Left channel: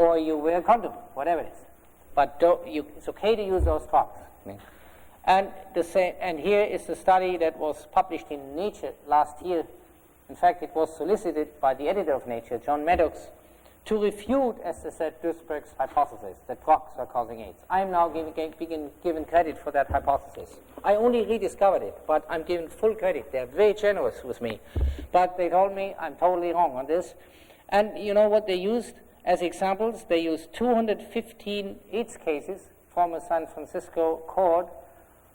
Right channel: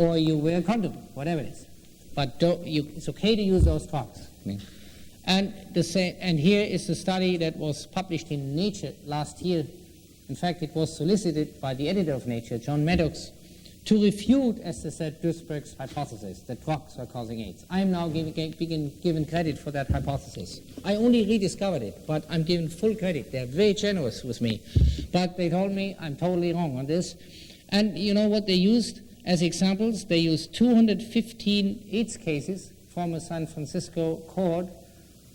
or you wear a condom, whatever it is. But it's okay to use those drugs. And here is the study that was published in Nature last year. In fact, it was solicited by the editor of Nature, John Maddox, to refute, as they said, Duesberg's hypothesis that drugs are causing AIDS. I am now given credit for that hypothesis. I only rediscovered it, but I'm given full credit. They're very generous with me. But they told me I'm totally wrong on this. And you know what they used as examples? They used 215 AIDS cases from a San Francisco cohort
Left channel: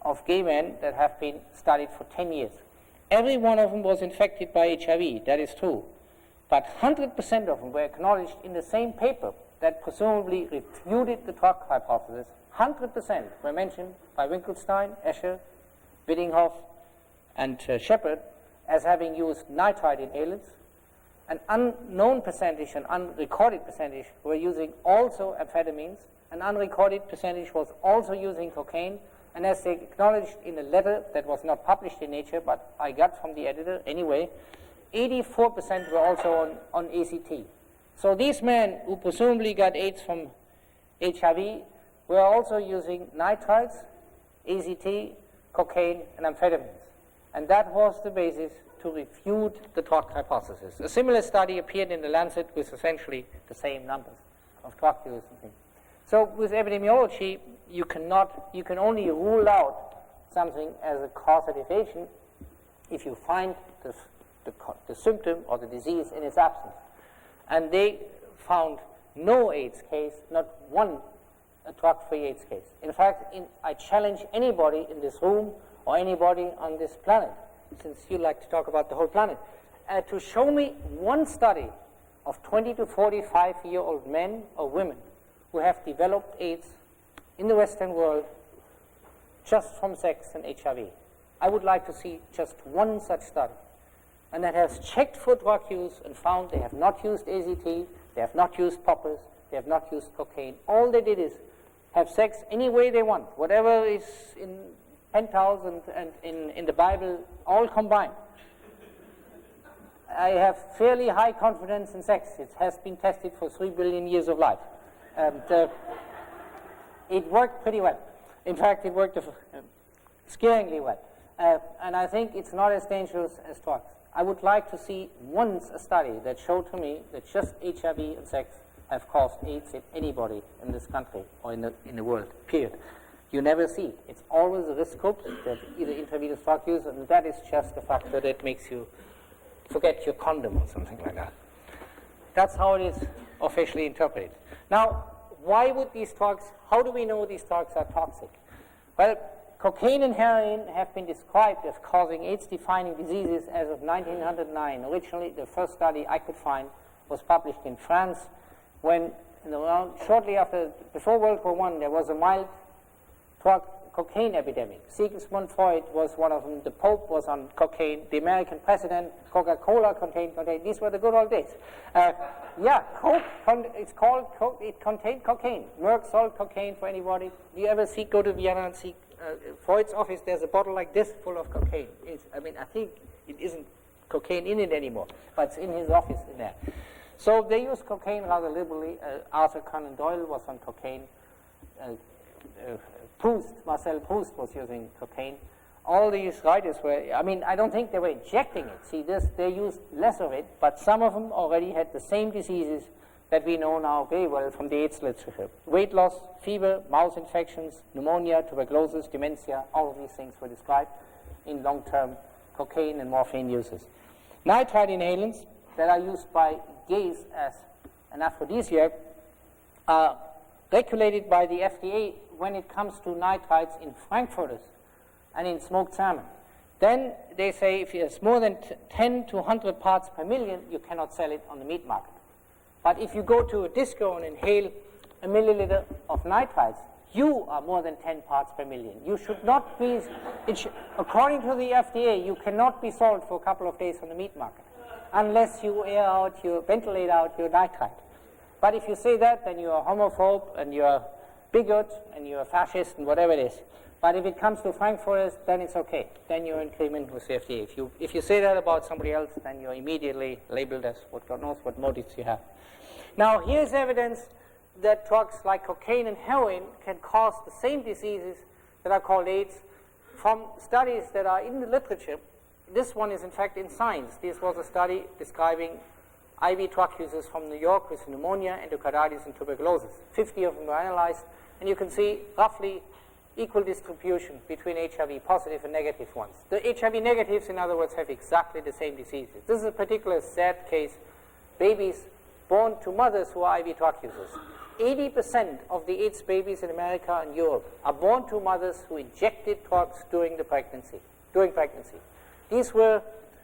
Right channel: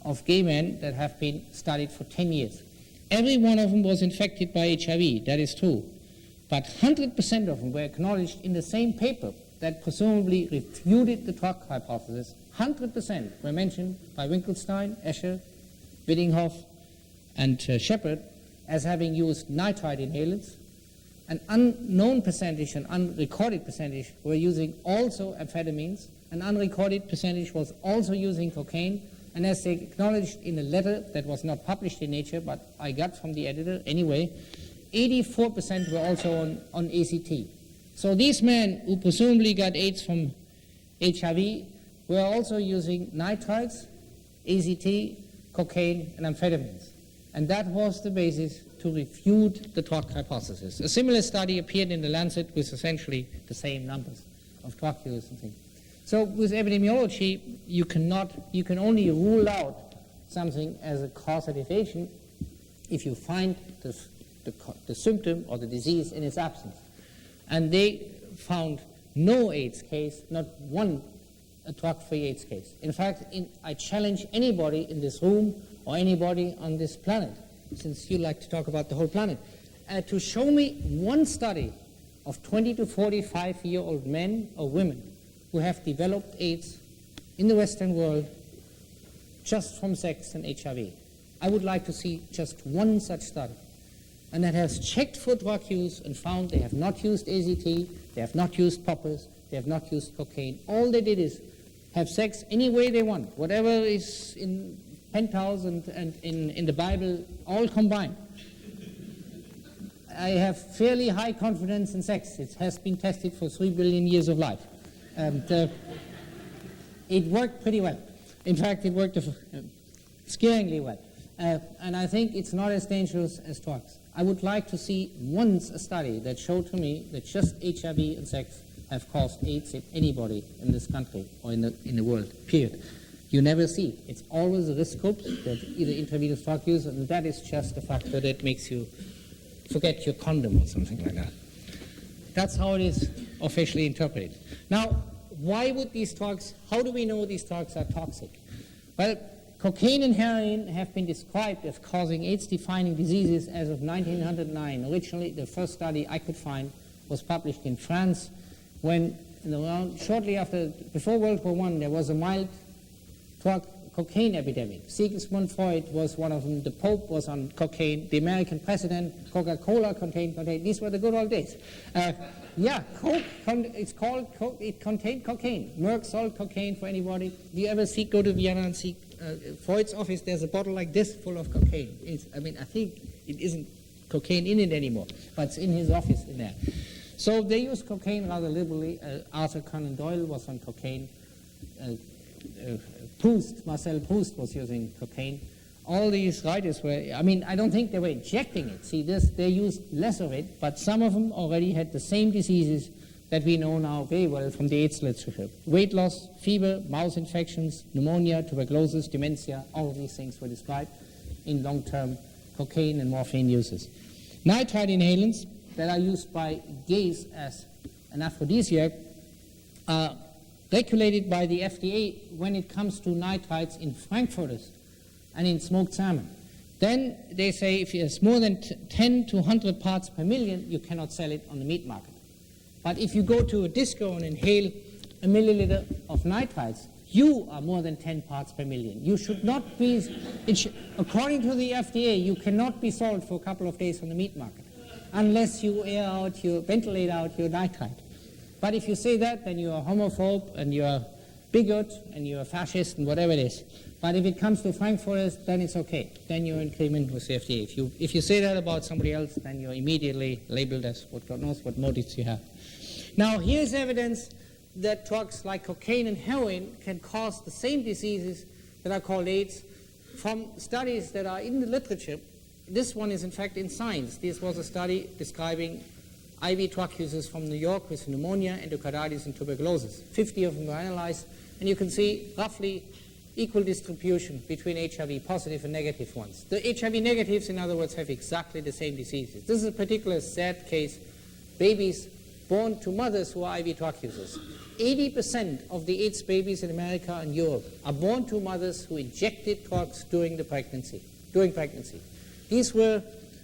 of gay men that have been studied for 10 years. Every one of them was infected by HIV, that is true. But 100% of them were acknowledged in the same paper that presumably refuted the drug hypothesis. 100% were mentioned by Winkelstein, Escher, Biddinghoff, and Shepard as having used nitrite inhalants. An unknown percentage, an unrecorded percentage, were using also amphetamines. An unrecorded percentage was also using cocaine. And as they acknowledged in a letter that was not published in Nature, but I got from the editor anyway, 84% were also on ACT. So these men who presumably got AIDS from HIV were also using nitrites, ACT, cocaine, and amphetamines. And that was the basis to refute the drug hypothesis. A similar study appeared in The Lancet with essentially the same numbers of drug use and things. So with epidemiology, you can only rule out something as a causative agent if you find the symptom or the disease in its absence. And they found no AIDS case, not one drug-free AIDS case. In fact, I challenge anybody in this room or anybody on this planet, since you like to talk about the whole planet, to show me one study of 20 to 45-year-old men or women who have developed AIDS in the Western world just from sex and HIV. I would like to see just one such study. And that has checked for drug use and found they have not used AZT, they have not used poppers, they have not used cocaine. All they did is have sex any way they want, whatever is in Penthouse and in the Bible, all combined. I have fairly high confidence in sex. It has been tested for 3 billion years of life. And it worked pretty well. In fact, it worked scaringly well. And I think it's not as dangerous as drugs. I would like to see once a study that showed to me that just HIV and sex have caused AIDS in anybody in this country or in the world, period. You never see it. It's always a risk group that either intravenous drug use, and that is just a factor that makes you forget your condom or something like that. That's how it is officially interpreted. Now, why would these drugs, how do we know these drugs are toxic? Well, cocaine and heroin have been described as causing AIDS-defining diseases as of 1909. Originally, the first study I could find was published in France when, shortly after, before World War I, there was a mild drug cocaine epidemic. Sigmund Freud was one of them. The Pope was on cocaine. The American president, Coca-Cola contained cocaine. These were the good old days. Yeah, Coke, it's called Coke. It contained cocaine. Merck sold cocaine for anybody. Do you ever go to Vienna and see Freud's office? There's a bottle like this full of cocaine. I think it isn't cocaine in it anymore, but it's in his office in there. So they use cocaine rather liberally. Arthur Conan Doyle was on cocaine. Marcel Proust was using cocaine. All these writers were, I don't think they were injecting it. See, they used less of it, but some of them already had the same diseases that we know now very well from the AIDS literature. Weight loss, fever, mouth infections, pneumonia, tuberculosis, dementia, all of these things were described in long-term cocaine and morphine uses. Nitrite inhalants that are used by gays as an aphrodisiac are regulated by the FDA when it comes to nitrites in frankfurters and in smoked salmon. Then they say if it's more than 10 to 100 parts per million, you cannot sell it on the meat market. But if you go to a disco and inhale a milliliter of nitrites, you are more than 10 parts per million. You should not be, according to the FDA, you cannot be sold for a couple of days on the meat market unless you ventilate out your nitrite. But if you say that, then you're a homophobe and you're a bigot and you're a fascist and whatever it is. But if it comes to frankfurters, then it's okay. Then you're in agreement with the FDA. If you say that about somebody else, then you're immediately labeled as God knows what motives you have. Now, here's evidence that drugs like cocaine and heroin can cause the same diseases that are called AIDS from studies that are in the literature. This one is in fact in Science. This was a study describing IV drug users from New York with pneumonia, endocarditis, and tuberculosis. 50 of them were analyzed, and you can see roughly equal distribution between HIV positive and negative ones. The HIV negatives, in other words, have exactly the same diseases. This is a particular sad case. Babies born to mothers who are IV drug users. 80% of the AIDS babies in America and Europe are born to mothers who injected drugs during pregnancy. These were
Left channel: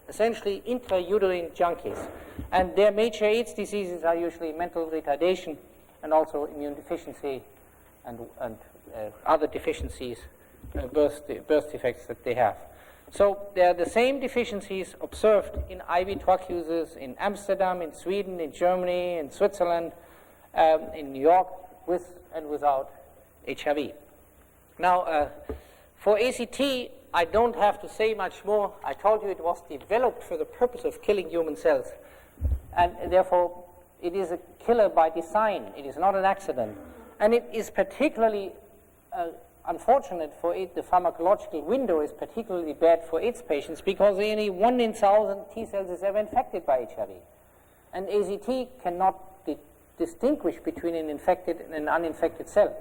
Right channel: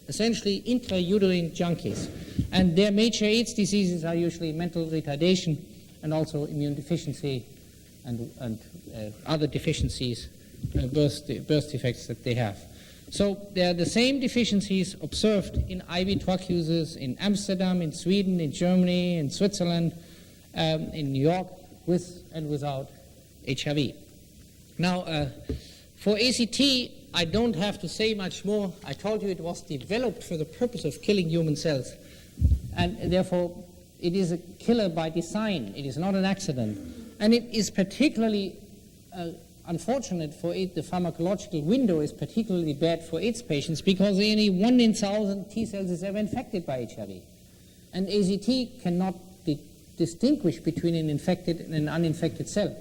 essentially intrauterine junkies, and their major AIDS diseases are usually mental retardation and also immune deficiency and other deficiencies, birth defects that they have. So they are the same deficiencies observed in IV drug users in Amsterdam, in Sweden, in Germany, in Switzerland, in New York, with and without HIV. Now, for ACT, I don't have to say much more. I told you it was developed for the purpose of killing human cells, and therefore it is a killer by design. It is not an accident. And it is particularly unfortunate for it. The pharmacological window is particularly bad for AIDS patients because only 1 in 1,000 T cells is ever infected by HIV. And AZT cannot distinguish between an infected and an uninfected cell.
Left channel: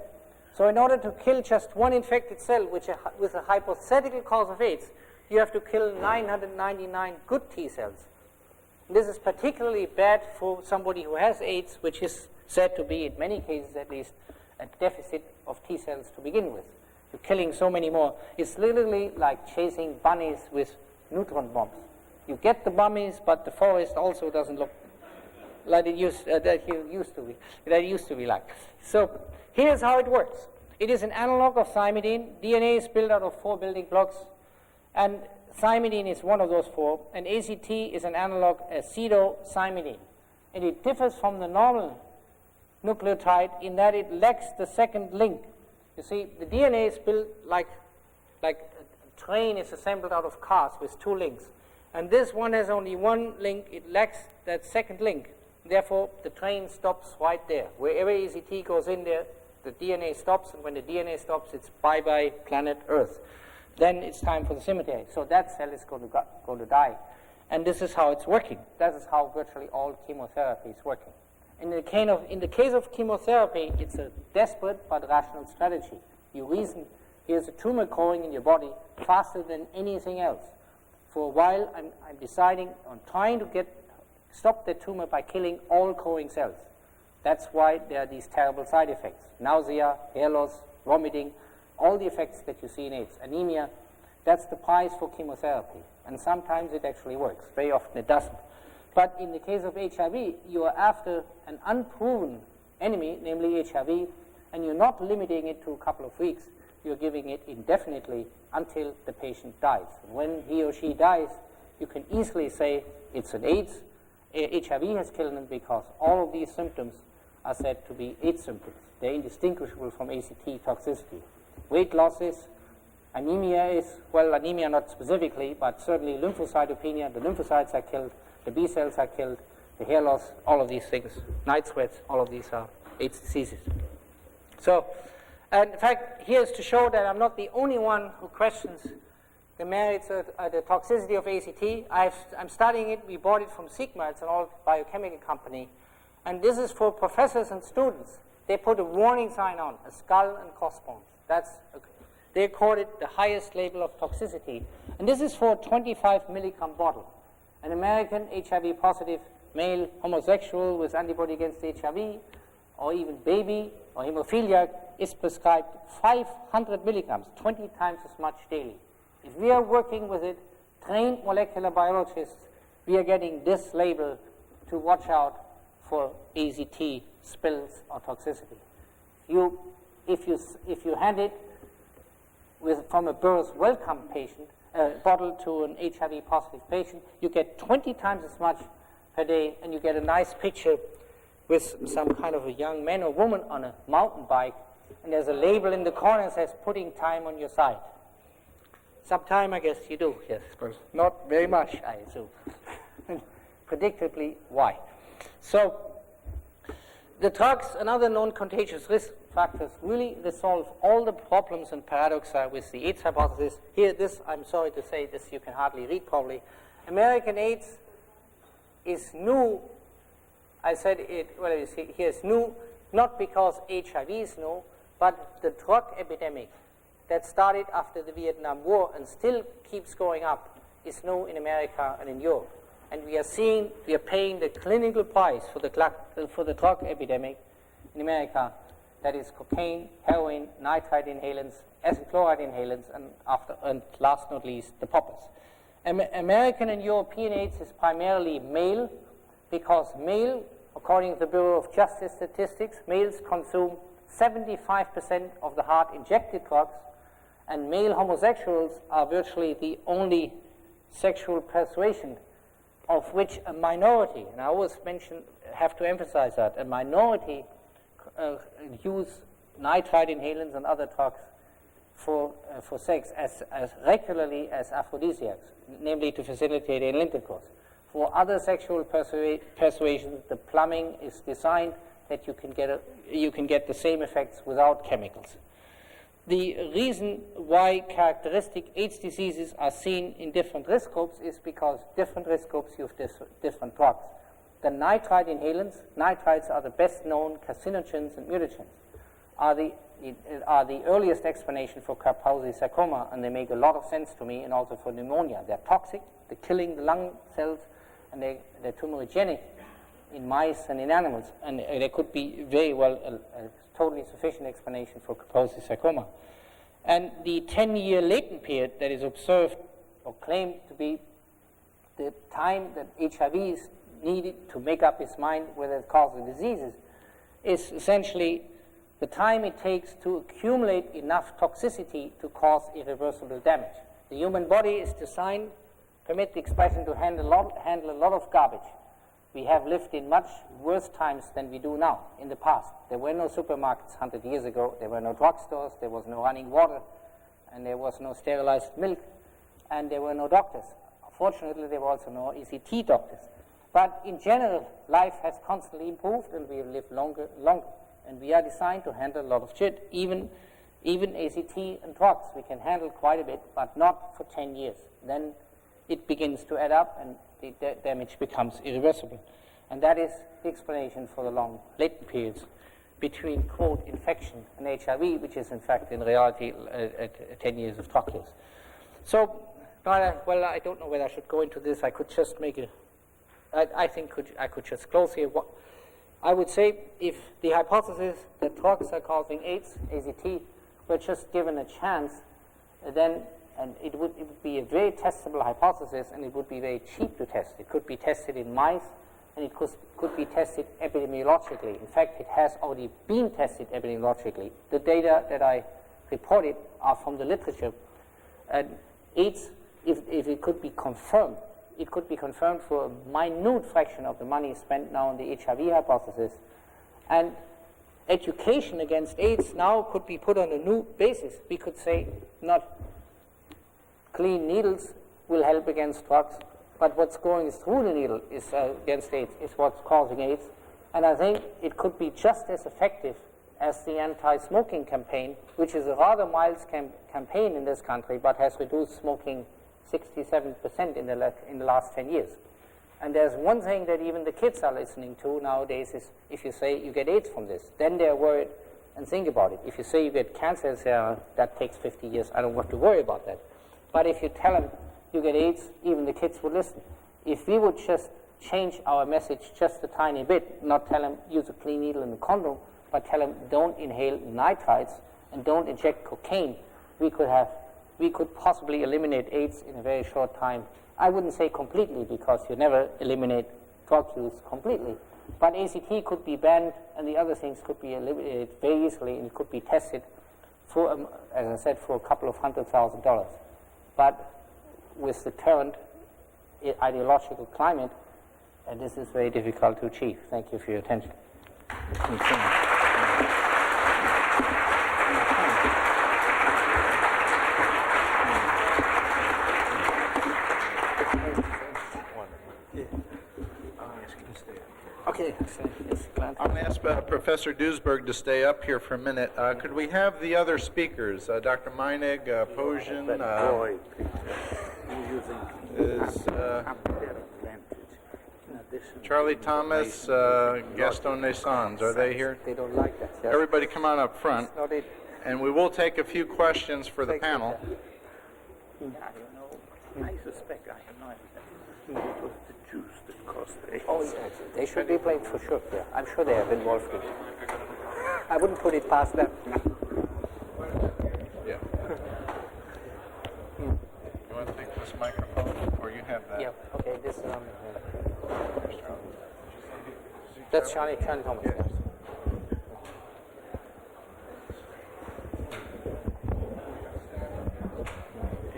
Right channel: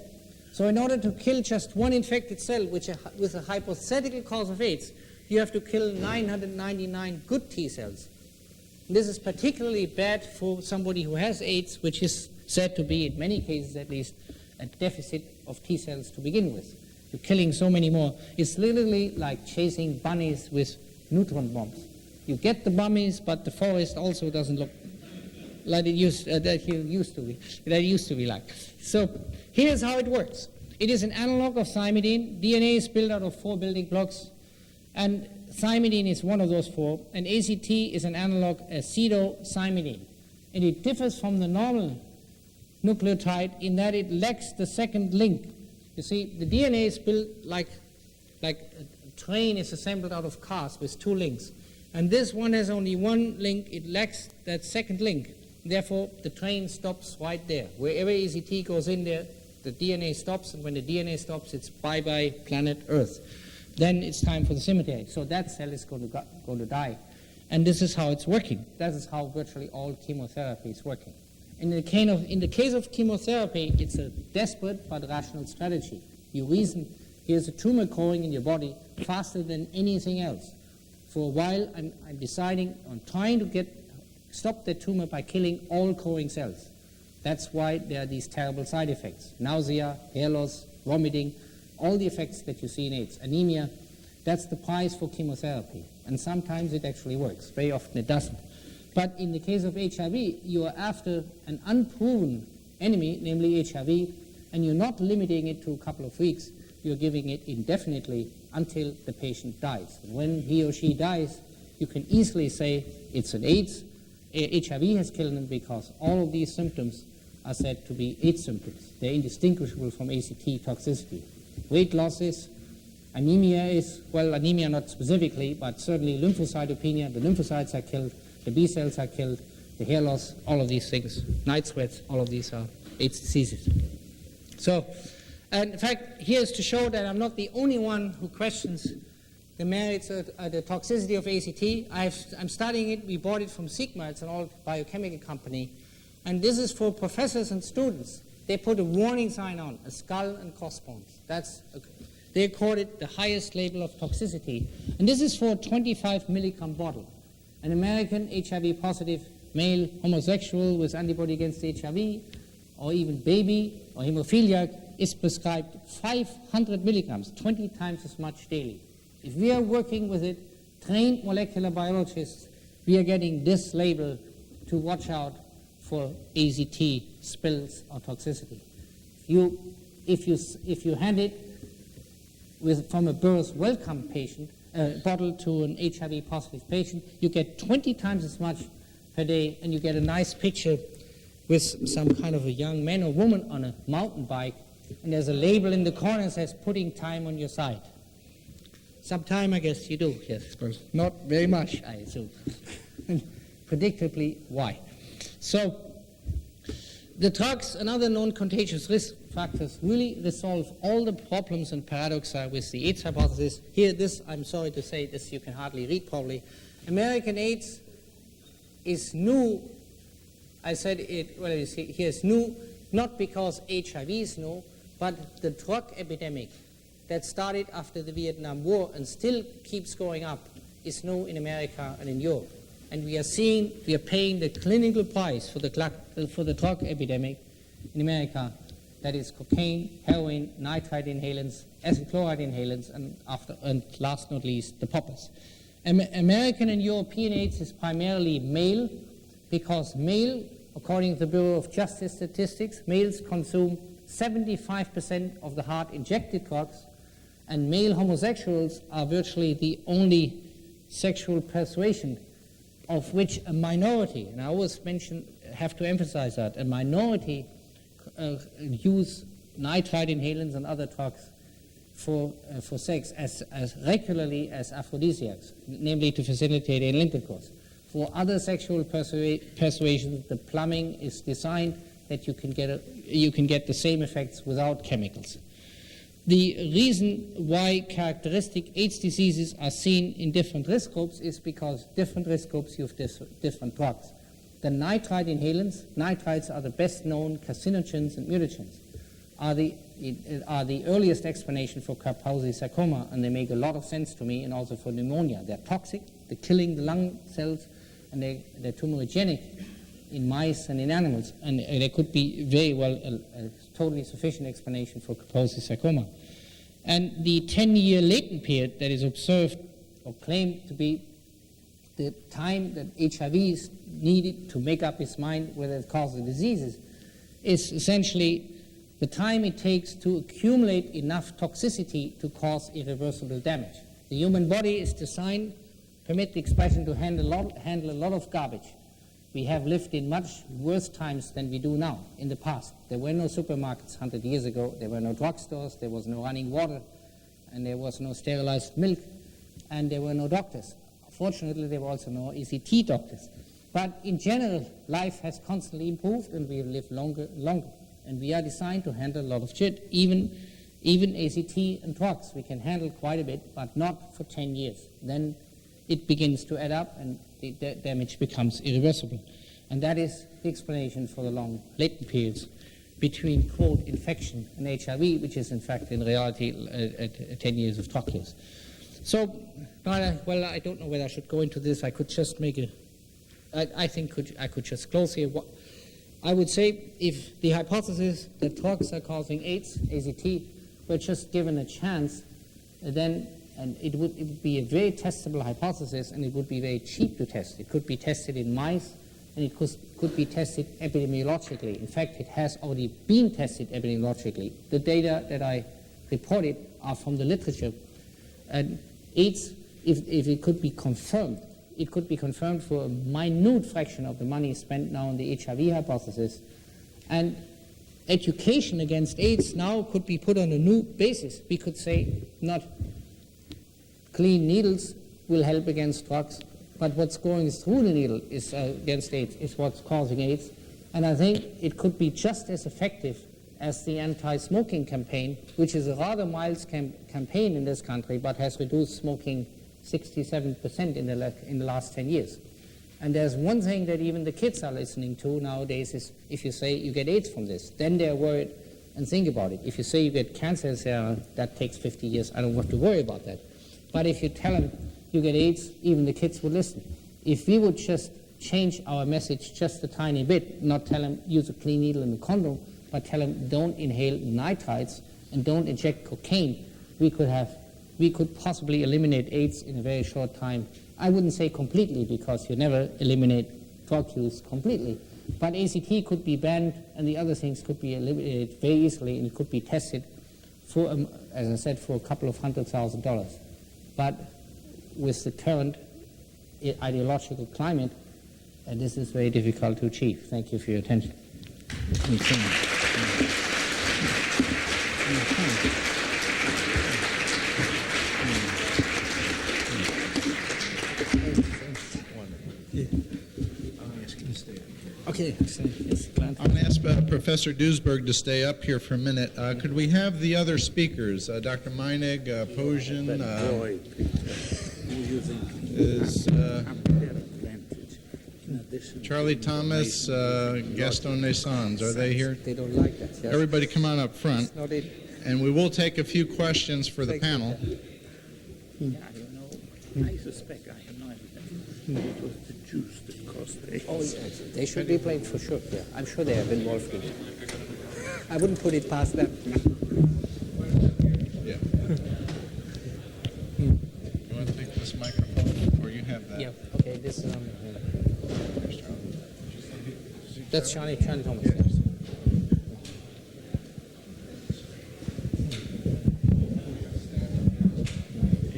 So in order to kill just one infected cell with a hypothetical cause of AIDS, you have to kill 999 good T cells. This is particularly bad for somebody who has AIDS, which is said to be, in many cases at least, a deficit of T cells to begin with. You're killing so many more. It's literally like chasing bunnies with neutron bombs. You get the bunnies, but the forest also doesn't look like it used to be like. So here's how it works. It is an analog of thymidine. DNA is built out of 4 building blocks, and thymidine is one of those 4, and ACT is an analog, acetothymidine. And it differs from the normal nucleotide in that it lacks the second link. You see, the DNA is built like a train is assembled out of cars with 2 links. And this one has only 1 link. It lacks that second link. Therefore, the train stops right there. Wherever ACT goes in there, the DNA stops, and when the DNA stops, it's bye-bye planet Earth. Then it's time for the cemetery. So that cell is going to die. And this is how it's working. That is how virtually all chemotherapy is working. In the case of chemotherapy, it's a desperate but rational strategy. You reason, here's a tumor growing in your body faster than anything else. For a while, I'm deciding on trying to stop the tumor by killing all growing cells. That's why there are these terrible side effects. Nausea, hair loss, vomiting, all the effects that you see in AIDS. Anemia, that's the price for chemotherapy. And sometimes it actually works. Very often it doesn't. But in the case of HIV, you are after an unproven enemy, namely HIV, and you're not limiting it to a couple of weeks. You're giving it indefinitely until the patient dies. And when he or she dies, you can easily say it's an AIDS. HIV has killed them because all of these symptoms are said to be AIDS symptoms. They're indistinguishable from ACT toxicity. Weight loss is, anemia is, well, anemia not specifically, but certainly lymphocytopenia. The lymphocytes are killed. The B cells are killed, the hair loss, all of these things, night sweats, all of these are AIDS diseases. So, and in fact, here's to show that I'm not the only one who questions the merits of the toxicity of ACT. I'm studying it. We bought it from Sigma. It's an old biochemical company. And this is for professors and students. They put a warning sign on, a skull and crossbones. They call it the highest label of toxicity. And this is for a 25 milligram bottle. An American HIV-positive male homosexual with antibody against HIV, or even baby or hemophiliac, is prescribed 500 milligrams, 20 times as much daily. If we are working with it, trained molecular biologists, we are getting this label to watch out for AZT spills or toxicity. If you hand it from a birth welcome patient, bottle to an HIV-positive patient, you get 20 times as much per day, and you get a nice picture with some kind of a young man or woman on a mountain bike, and there's a label in the corner that says, putting time on your side. Sometime, I guess you do, yes, but not very much, I assume. And predictably, why? So The drugs and other non-contagious risk factors really resolve all the problems and paradoxa with the AIDS hypothesis. Here, this, I'm sorry to say, this you can hardly read probably. American AIDS is new. I said it, well, you see, here it's new, not because HIV is new, but the drug epidemic that started after the Vietnam War and still keeps going up is new in America and in Europe. And we are paying the clinical price for the drug epidemic in America, that is cocaine, heroin, nitrite inhalants, acid chloride inhalants, and last not least, the poppers. American and European AIDS is primarily male, because male, according to the Bureau of Justice Statistics, males consume 75% of the hard injected drugs, and male homosexuals are virtually the only sexual persuasion of which a minority, and I always have to emphasize that, a minority use nitrite inhalants and other drugs for sex as regularly as aphrodisiacs, namely to facilitate anal intercourse. For other sexual persuasions, the plumbing is designed that you can get the same effects without chemicals. The reason why characteristic AIDS diseases are seen in different risk groups is because different risk groups use different drugs. The nitrite inhalants, nitrites are the best known carcinogens and mutagens, are the earliest explanation for Kaposi sarcoma, and they make a lot of sense to me, and also for pneumonia. They're toxic, they're killing the lung cells, and they're tumorigenic in mice and in animals, and there could be very well a totally sufficient explanation for Kaposi sarcoma. And the 10-year latent period that is observed or claimed to be the time that HIV is needed to make up its mind whether it causes the diseases is essentially the time it takes to accumulate enough toxicity to cause irreversible damage. The human body is designed, permit the expression, to handle a lot of garbage. We have lived in much worse times than we do now in the past. There were no supermarkets 100 years ago. There were no drugstores. There was no running water. And there was no sterilized milk. And there were no doctors. Fortunately, there were also no ECT doctors. But in general, life has constantly improved, and we have lived longer. And we are designed to handle a lot of shit. Even ACT and drugs, we can handle quite a bit, but not for 10 years. Then it begins to add up, and the damage becomes irreversible. And that is the explanation for the long latent periods between, quote, infection and HIV, which is in fact in reality 10 years of drug use. So, well, I don't know whether I should go into this. I could just make I think I could just close here. I would say if the hypothesis that drugs are causing AIDS, AZT, were just given a chance, then and it would be a very testable hypothesis, and it would be very cheap to test. It could be tested in mice, and it could be tested epidemiologically. In fact, it has already been tested epidemiologically. The data that I reported are from the literature. And AIDS, if it could be confirmed, it could be confirmed for a minute fraction of the money spent now on the HIV hypothesis. And education against AIDS now could be put on a new basis. We could say not clean needles will help against drugs, but what's going through the needle is against AIDS, is what's causing AIDS. And I think it could be just as effective as the anti-smoking campaign, which is a rather mild campaign in this country, but has reduced smoking 67% in the last 10 years. And there's one thing that even the kids are listening to nowadays is if you say you get AIDS from this, then they're worried and think about it. If you say you get cancer, that takes 50 years, I don't have to worry about that. But if you tell them you get AIDS, even the kids would listen. If we would just change our message just a tiny bit, not tell them use a clean needle and a condom, but tell them don't inhale nitrites and don't inject cocaine, we could possibly eliminate AIDS in a very short time. I wouldn't say completely, because you never eliminate drug use completely. But ACT could be banned, and the other things could be eliminated very easily, and it could be tested for, as I said, for a couple of $100,000. But with the current ideological climate, this is very difficult to achieve. Thank you for your attention. Yeah. I'll ask you to stay up here. Okay, yes, glad. I'm going to ask Professor Duesberg to stay up here for a minute. Could we have the other speakers, Dr. Meinig, Posian, is Charlie Thomas, Gaston Naissans, are they here? They don't like that. Yes. Everybody come on up front. It's not it. And we will take a few questions for the Thank you. panel. Yeah, you know, I suspect, I have no idea. It was the juice that caused the Oh, yes. They should be blamed for sure. Yeah. I'm sure they have involved in it. I wouldn't put it past them. Yeah. You want to take this microphone, or you have that? Yeah. Okay. This is that's Charlie Thomas. Yeah.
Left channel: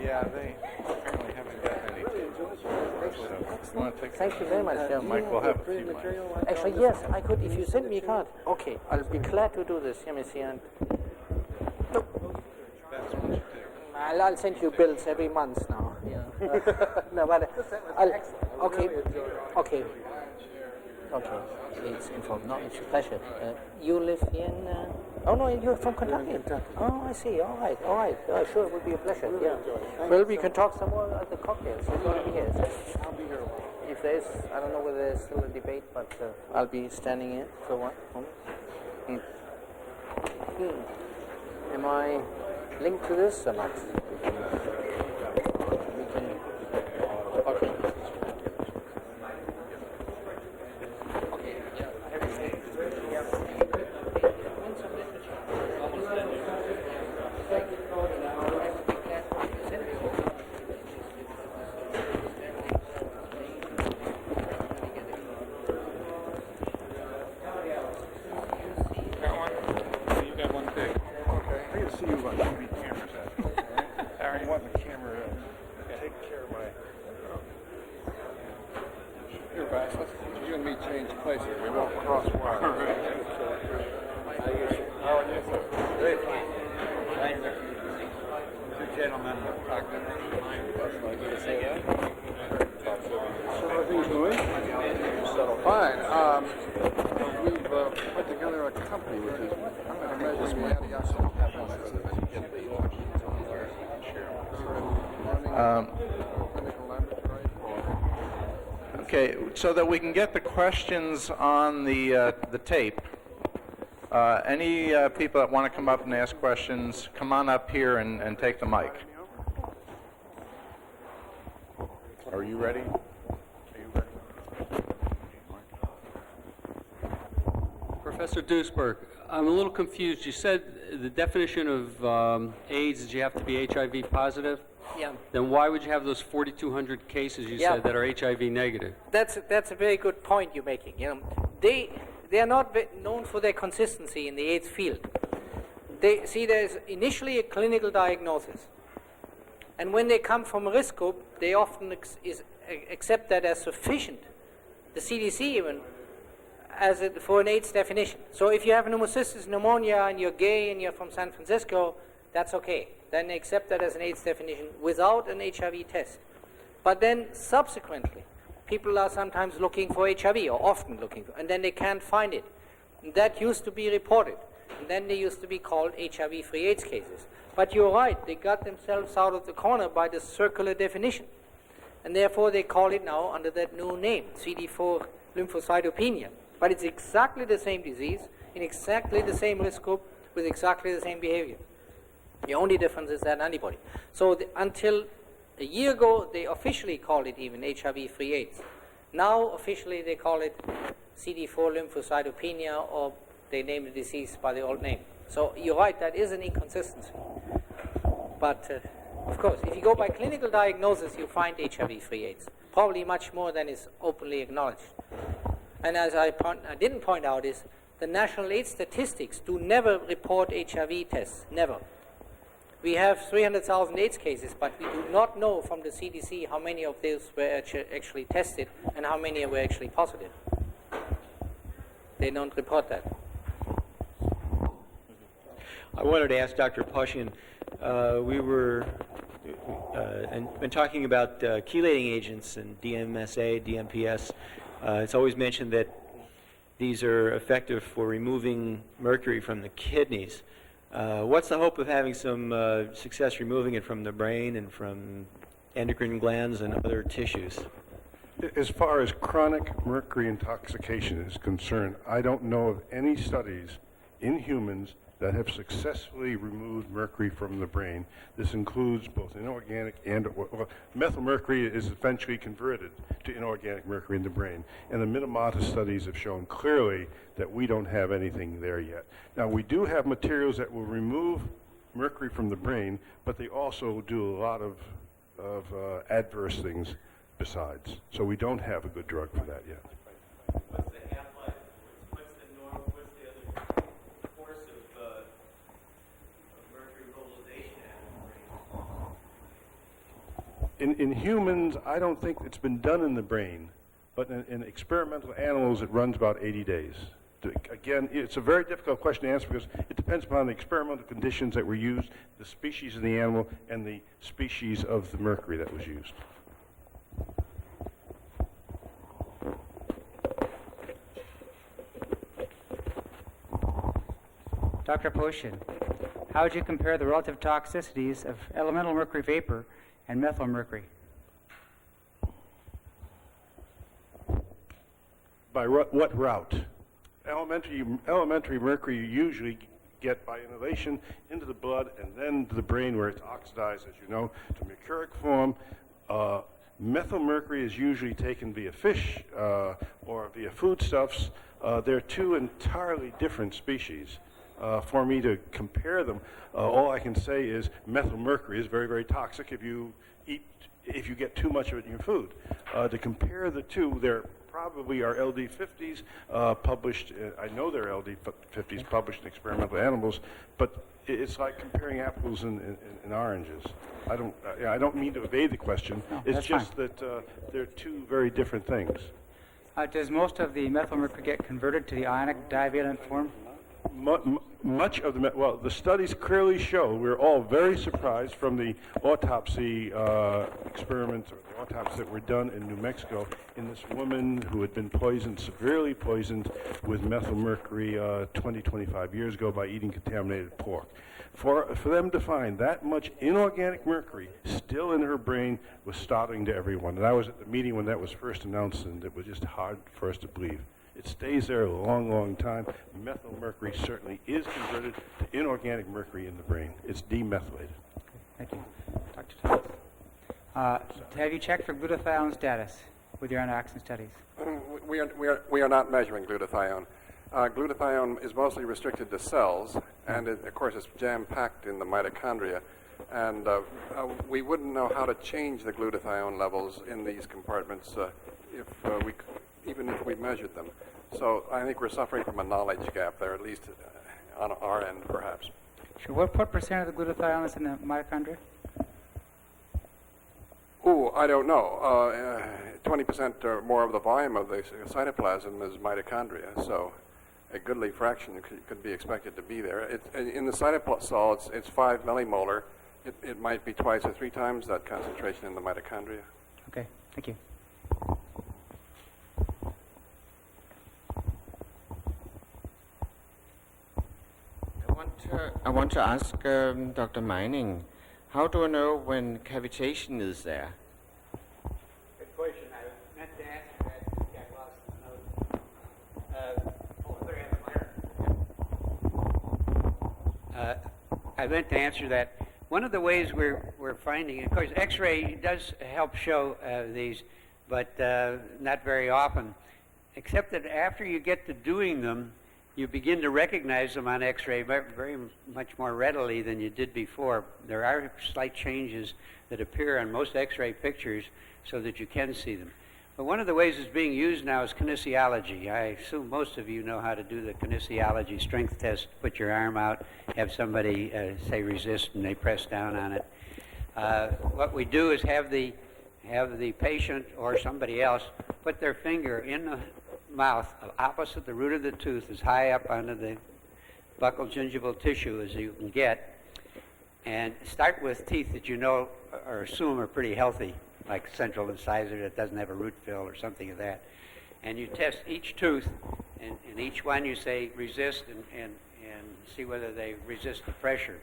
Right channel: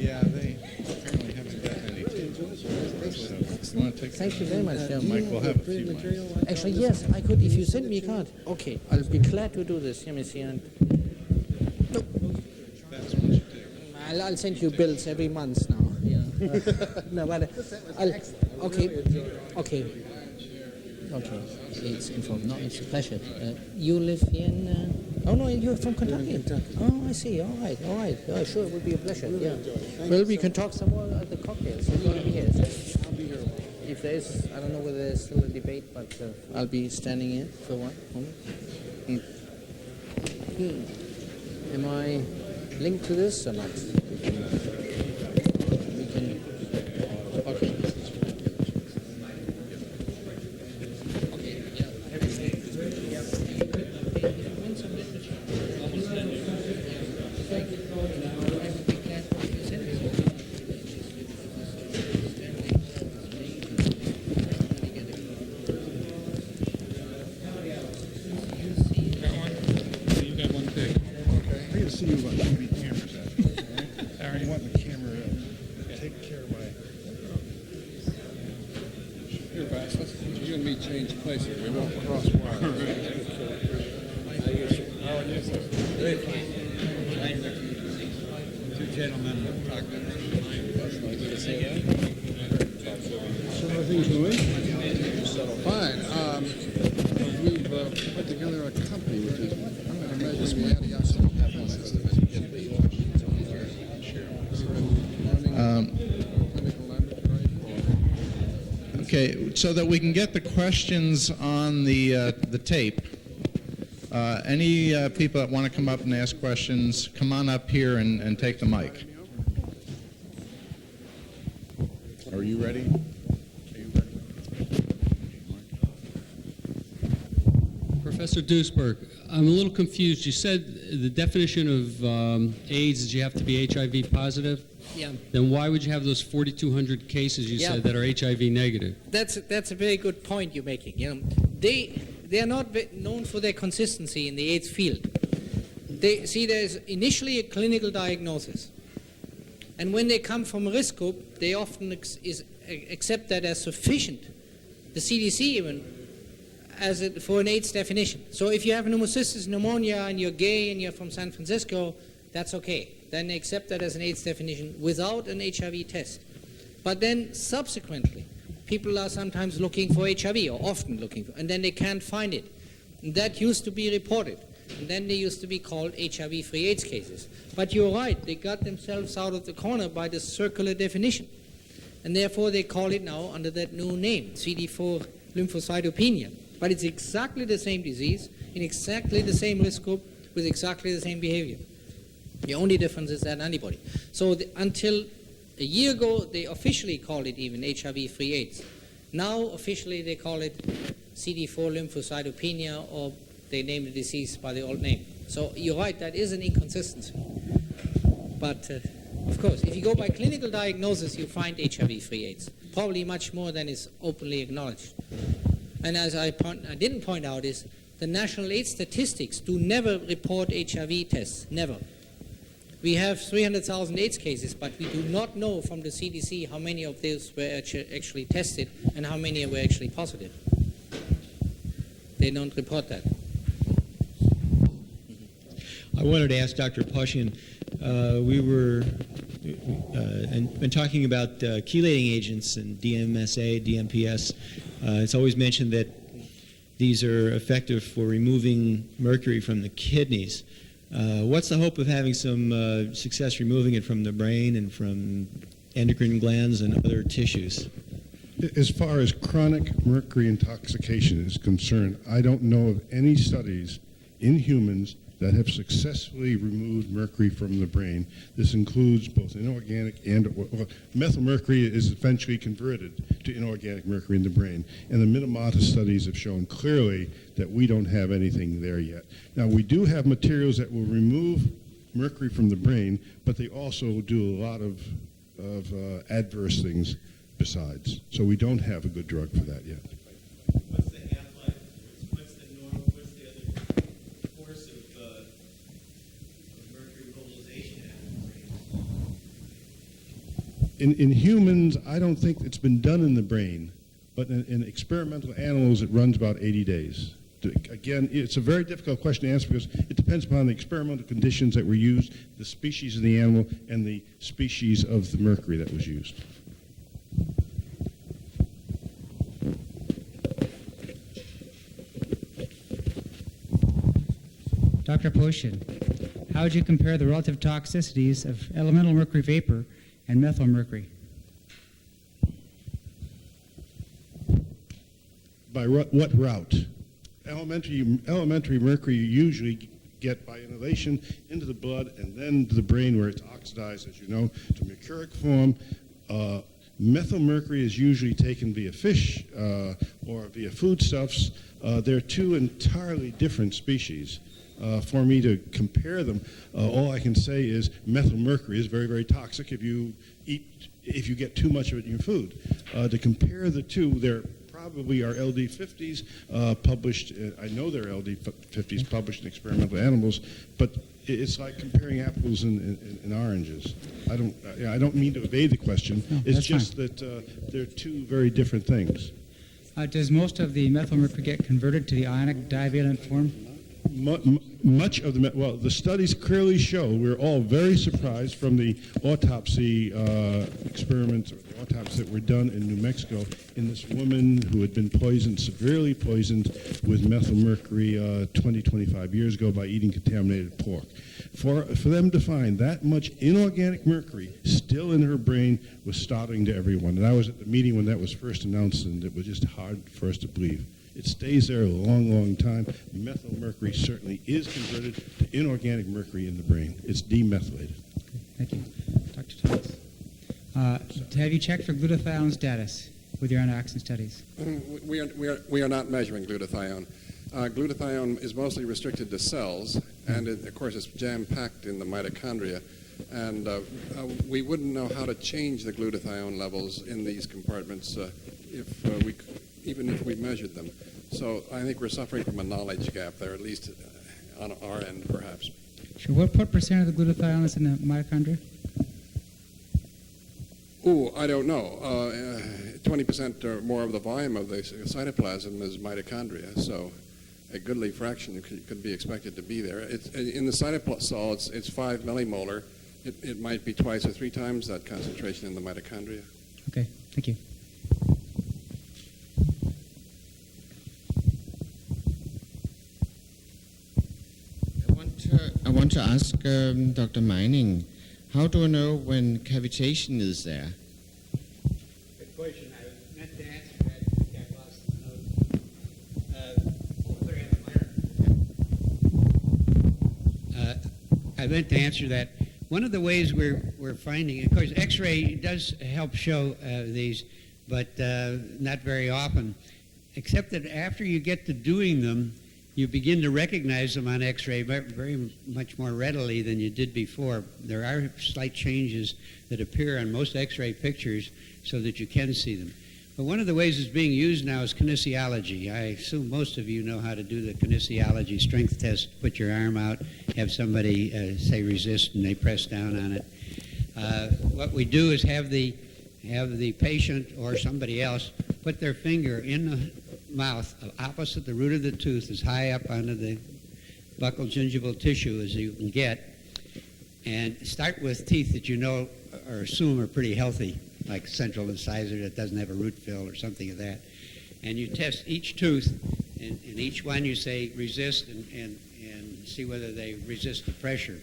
Yeah, they apparently haven't gotten any tapes. So, you want to take Thank you very much. Yeah. Mike, we'll have a few mics. Actually, yes, I could. If you send me a card, okay, I'll be glad to do this. Let me see. And no, That's what you do. I'll send you bills every month now. Yeah. No, but I'll. Okay. Okay. Okay. It's informed. No, it's a pleasure. You live in. Oh no, you're from Kentucky. Oh, I see. All right. All right. Yeah, sure, it would be a pleasure. Yeah. Well, we can talk some more at the cocktails. You're going to be here. I'll be here. If there's, I don't know whether there's still a debate, but I'll be standing in for one moment. Am I linked to this or not? We can. Okay. Okay. Yeah. I can see you on TV cameras at. I want the camera to take care of my. Here, Vass, you and me change places. We won't Cross wires. Two gentlemen talk So how are things going? Fine. We've put together a company which is measures the antioxidant performance. Okay, so that we can get the questions on the tape. Any people that want to come up and ask questions, come on up here and take the mic. Are you ready? Professor Duesberg, I'm a little confused. You said the definition of AIDS is you have to be HIV positive? Yeah. Then why would you have those 4,200 cases you said that are HIV negative? That's a very good point you're making. You know, they are not known for their consistency in the AIDS field. They see there's initially a clinical diagnosis, and when they come from a risk group, they often accept that as sufficient. The CDC even for an AIDS definition. So if you have pneumocystis pneumonia and you're gay and you're from San Francisco, that's okay. Then they accept that as an AIDS definition without an HIV test. But then subsequently, people are sometimes looking for HIV, or often looking for, and then they can't find it. And that used to be reported. And then they used to be called HIV-free AIDS cases. But you're right, they got themselves out of the corner by the circular definition. And therefore they call it now under that new name, CD4 lymphocytopenia. But it's exactly the same disease, in exactly the same risk group, with exactly the same behavior. The only difference is that antibody. So until a year ago, they officially called it even HIV-free AIDS. Now, officially, they call it CD4 lymphocytopenia, or they name the disease by the old name. So you're right, that is an inconsistency. But, of course, if you go by clinical diagnosis, you find HIV-free AIDS. Probably much more than is openly acknowledged. And as I didn't point out is, the national AIDS statistics do never report HIV tests, never. We have 300,000 AIDS cases, but we do not know from the CDC how many of those were actually tested and how many were actually positive. They don't report that. I wanted to ask Dr. Posian, we were been talking about chelating agents and DMSA, DMPS. It's always mentioned that these are effective for removing mercury from the kidneys. What's the hope of having some success removing it from the brain and from endocrine glands and other tissues? As far as chronic mercury intoxication is concerned, I don't know of any studies in humans that have successfully removed mercury from the brain. This includes both inorganic and methyl mercury is eventually converted to inorganic mercury in the brain. And the Minamata studies have shown clearly that we don't have anything there yet. Now, we do have materials that will remove mercury from the brain, but they also do a lot of adverse things besides. So we don't have a good drug for that yet. What's the half-life? What's the other course of mercury mobilization at the brain? In humans, I don't think it's been done in the brain, but in experimental animals, it runs about 80 days. Again, it's a very difficult question to answer because it depends upon the experimental conditions that were used, the species of the animal, and the species of the mercury that was used. Dr. Poshin, how would you compare the relative toxicities of elemental mercury vapor and methyl mercury? By what route? Elementary mercury you usually get by inhalation into the blood and then to the brain where it's oxidized, as you know, to mercuric form. Methyl mercury is usually taken via fish or via foodstuffs. They're two entirely different species. For me to compare them, all I can say is methyl mercury is very, very toxic if you get too much of it in your food. To compare the two, there probably are LD50s published. I know there are LD50s published in experimental animals, but it's like comparing apples and oranges. I don't mean to evade the question. No, it's that's just fine. that they're two very different things. Does most of the methyl mercury get converted to the ionic divalent form? Much of the studies clearly show, we're all very surprised from the autopsy experiments, or the autopsies that were done in New Mexico in this woman who had been poisoned, severely poisoned with methyl mercury 25 years ago by eating contaminated pork. For them to find that much inorganic mercury still in her brain was startling to everyone. And I was at the meeting when that was first announced, and it was just hard for us to believe. It stays there a long, long time. Methyl mercury certainly is converted to inorganic mercury in the brain. It's demethylated. Thank you. Dr. Thomas. Have you checked for glutathione status with your antioxidant studies? We are not measuring glutathione. Glutathione is mostly restricted to cells, and of course it's jam-packed in the mitochondria. And we wouldn't know how to change the glutathione levels in these compartments even if we measured them. So I think we're suffering from a knowledge gap there, at least on our end, perhaps. Sure. What percent of the glutathione is in the mitochondria? Ooh, I don't know. 20% or more of the volume of the cytoplasm is mitochondria, so a goodly fraction could be expected to be there. In the cytosol, it's 5 millimolar. It might be twice or 3 times that concentration in the mitochondria. Okay, thank you. I want to ask Dr. Mining, how do I know when cavitation is there? Good question. I meant to answer that. Got lost in the notes. I meant to answer that. One of the ways we're finding, of course, X-ray does help show these, but not very often, except that after you get to doing them, you begin to recognize them on X-ray very much more readily than you did before. There are slight changes that appear on most X-ray pictures so that you can see them. But one of the ways it's being used now is kinesiology. I assume most of you know how to do the kinesiology strength test. Put your arm out, have somebody say resist, and they press down on it. What we do is have the patient or somebody else put their finger in the mouth opposite the root of the tooth, as high up onto the buccal gingival tissue as you can get, and start with teeth that you know or assume are pretty healthy, like central incisor that doesn't have a root fill or something of that. And you test each tooth in And each one you say resist and see whether they resist the pressure.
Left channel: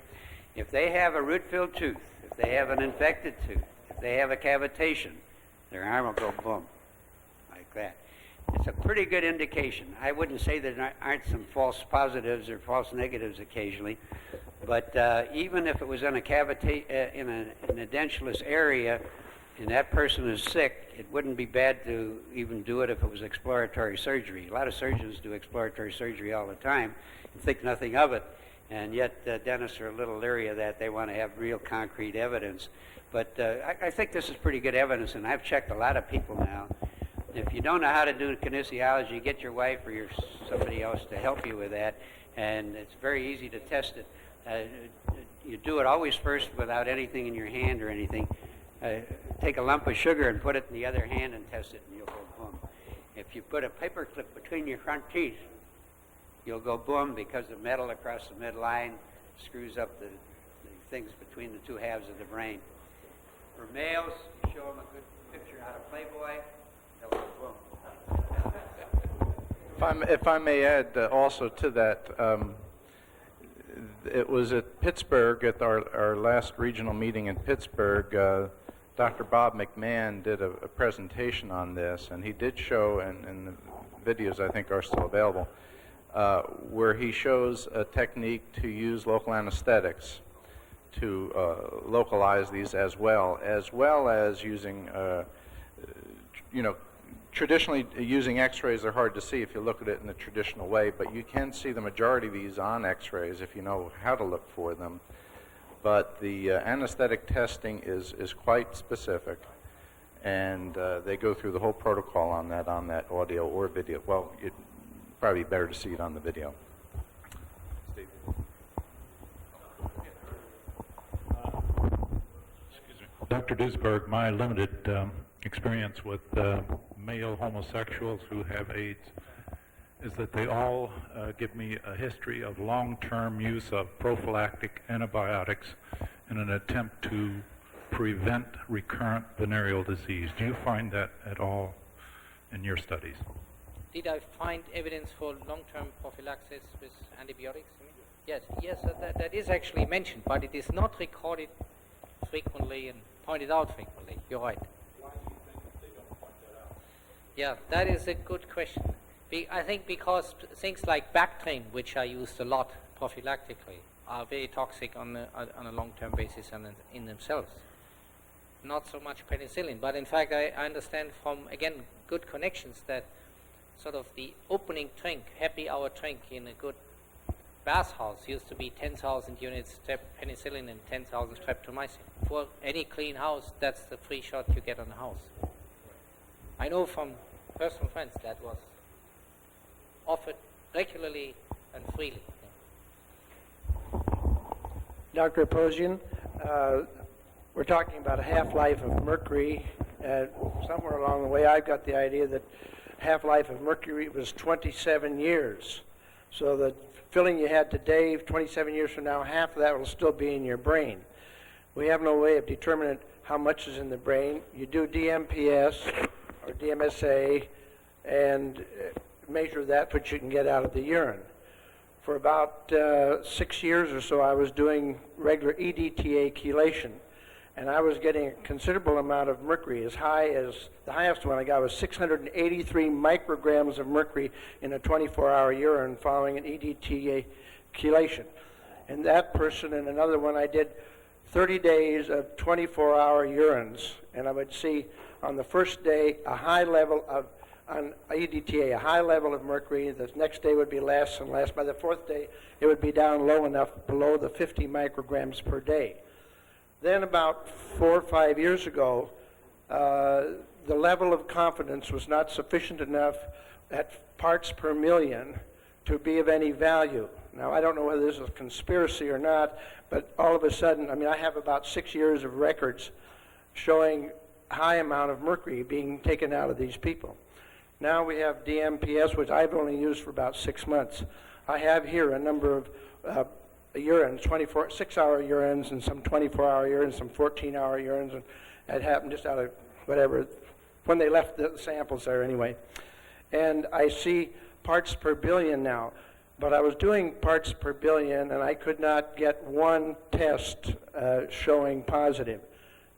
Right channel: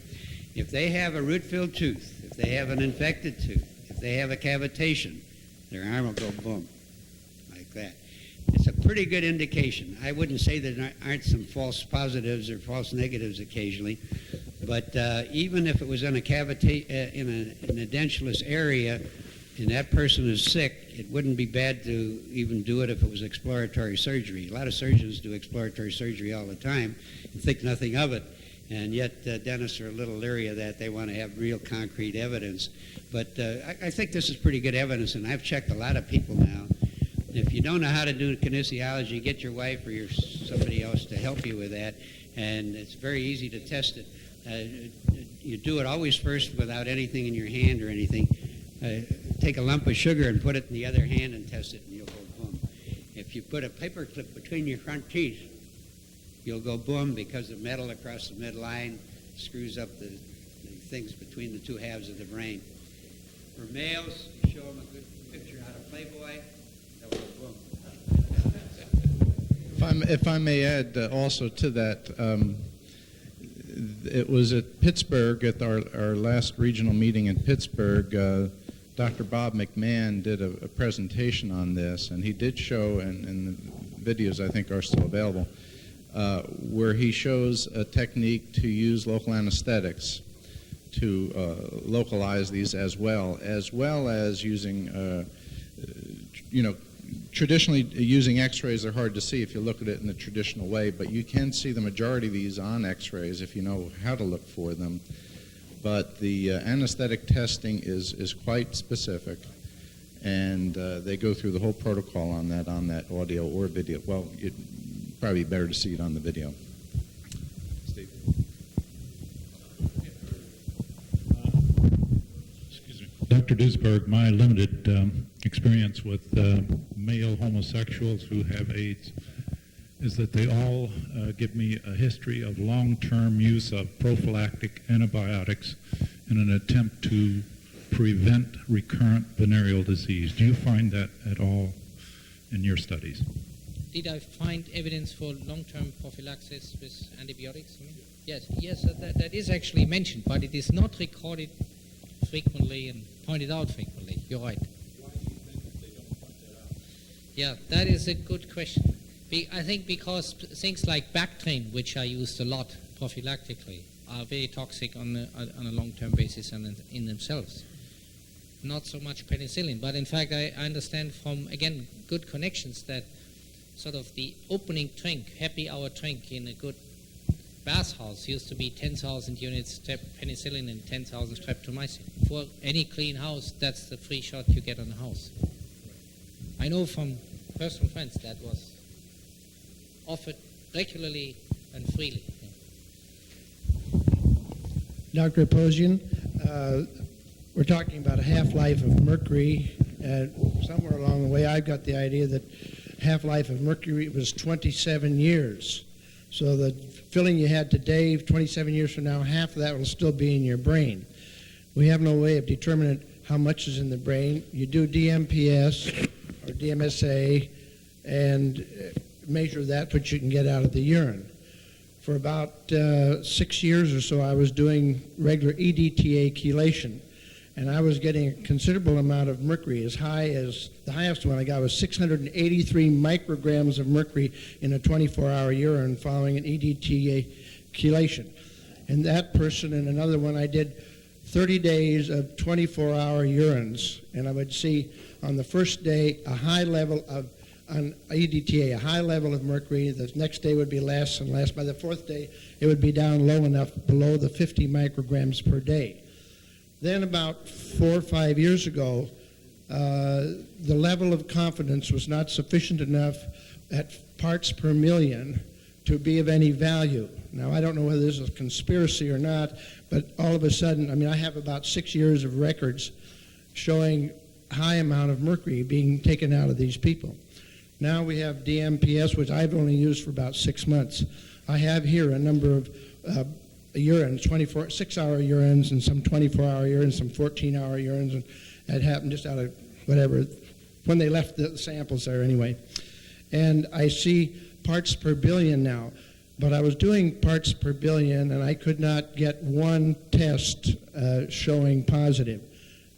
If they have a root-filled tooth, if they have an infected tooth, if they have a cavitation, their arm will go boom, like that. It's a pretty good indication. I wouldn't say there aren't some false positives or false negatives occasionally, but even if it was in a in a edentulous area and that person is sick, it wouldn't be bad to even do it if it was exploratory surgery. A lot of surgeons do exploratory surgery all the time and think nothing of it, and yet dentists are a little leery of that. They want to have real concrete evidence. But I think this is pretty good evidence, and I've checked a lot of people now. If you don't know how to do kinesiology, get your wife or somebody else to help you with that, and it's very easy to test it. You do it always first without anything in your hand or anything. Take a lump of sugar and put it in the other hand and test it, and you'll go boom. If you put a paper clip between your front teeth, you'll go boom because the metal across the midline screws up the things between the two halves of the brain. For males, you show them a good picture out of Playboy, they'll go boom. If I may add also to that, it was at Pittsburgh, at our last regional meeting in Pittsburgh, Dr. Bob McMahon did a presentation on this, and he did show, and the videos I think are still available, where he shows a technique to use local anesthetics to localize these as well as using, traditionally using x-rays are hard to see if you look at it in the traditional way, but you can see the majority of these on x-rays if you know how to look for them. But the anesthetic testing is quite specific, and they go through the whole protocol on that audio or video. Well, it'd probably be better to see it on the video. Steve. Excuse me. Dr. Duesberg, my limited experience with male homosexuals who have AIDS is that they all give me a history of long-term use of prophylactic antibiotics in an attempt to prevent recurrent venereal disease. Do you find that at all in your studies? Did I find evidence for long-term prophylaxis with antibiotics? I mean, yes, that is actually mentioned, but it is not recorded frequently and pointed out frequently. You're right. Why do you think that they don't point that out? Yeah, that is a good question. I think because things like Bactrim, which are used a lot prophylactically, are very toxic on a long-term basis and in themselves. Not so much penicillin, but in fact I understand from, again, good connections that sort of the opening drink, happy hour drink in a good bathhouse used to be 10,000 units penicillin and 10,000 streptomycin. For any clean house, that's the free shot you get on the house. I know from personal friends that was offered regularly and freely. Dr. Aposian, we're talking about a half-life of mercury, and somewhere along the way I got the idea that half-life of mercury was 27 years. So the filling you had today, 27 years from now, half of that will still be in your brain. We have no way of determining how much is in the brain. You do DMPS or DMSA and measure that, what you can get out of the urine. For about 6 years or so, I was doing regular EDTA chelation, and I was getting a considerable amount of mercury, as high as, the highest one I got was 683 micrograms of mercury in a 24-hour urine following an EDTA chelation. And that person and another one, I did 30 days of 24-hour urines, and I would see on the first day a high level of, on EDTA, a high level of mercury. The next day would be less and less. By the fourth day, it would be down low enough, below the 50 micrograms per day. Then about 4 or 5 years ago, the level of confidence was not sufficient enough at parts per million to be of any value. Now, I don't know whether this is a conspiracy or not, but all of a sudden, I mean, I have about 6 years of records showing high amount of mercury being taken out of these people. Now we have DMPS, which I've only used for about 6 months. I have here a number of urines, 6-hour urines and some 24-hour urines, some 14-hour urines, and that happened just out of whatever, when they left the samples there anyway. And I see parts per billion now. But I was doing parts per billion, and I could not get one test showing positive.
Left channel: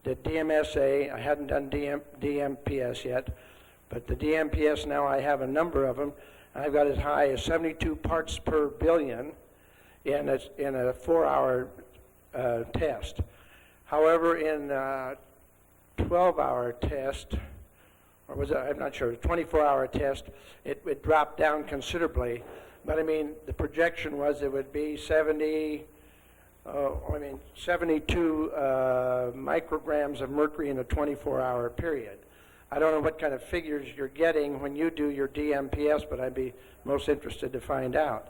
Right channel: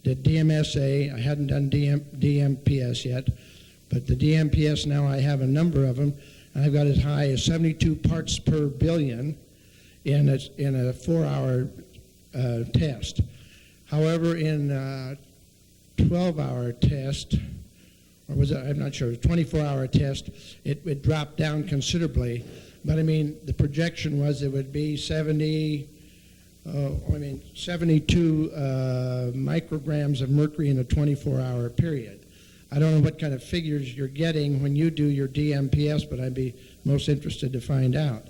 The DMSA, I hadn't done DMPS yet, but the DMPS now I have a number of them, and I've got as high as 72 parts per billion in a 4-hour test. However, in a 12-hour test, or was it, I'm not sure, 24-hour test, it dropped down considerably. But I mean, the projection was it would be 72 micrograms of mercury in a 24-hour period. I don't know what kind of figures you're getting when you do your DMPS, but I'd be most interested to find out.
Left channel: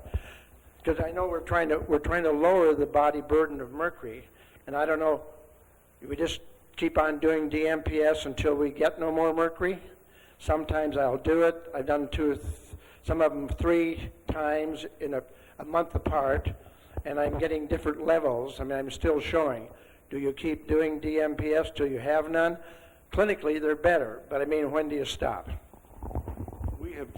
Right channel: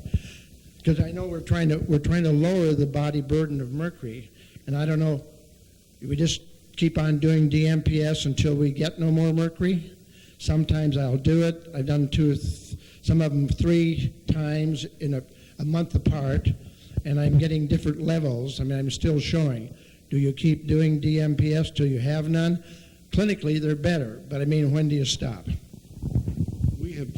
Because I know we're trying to lower the body burden of mercury, and I don't know, we just keep on doing DMPS until we get no more mercury? Sometimes I'll do it. I've done some of them 3 times in a month apart, and I'm getting different levels. I mean, I'm still showing. Do you keep doing DMPS till you have none? Clinically, they're better, but I mean, when do you stop? We have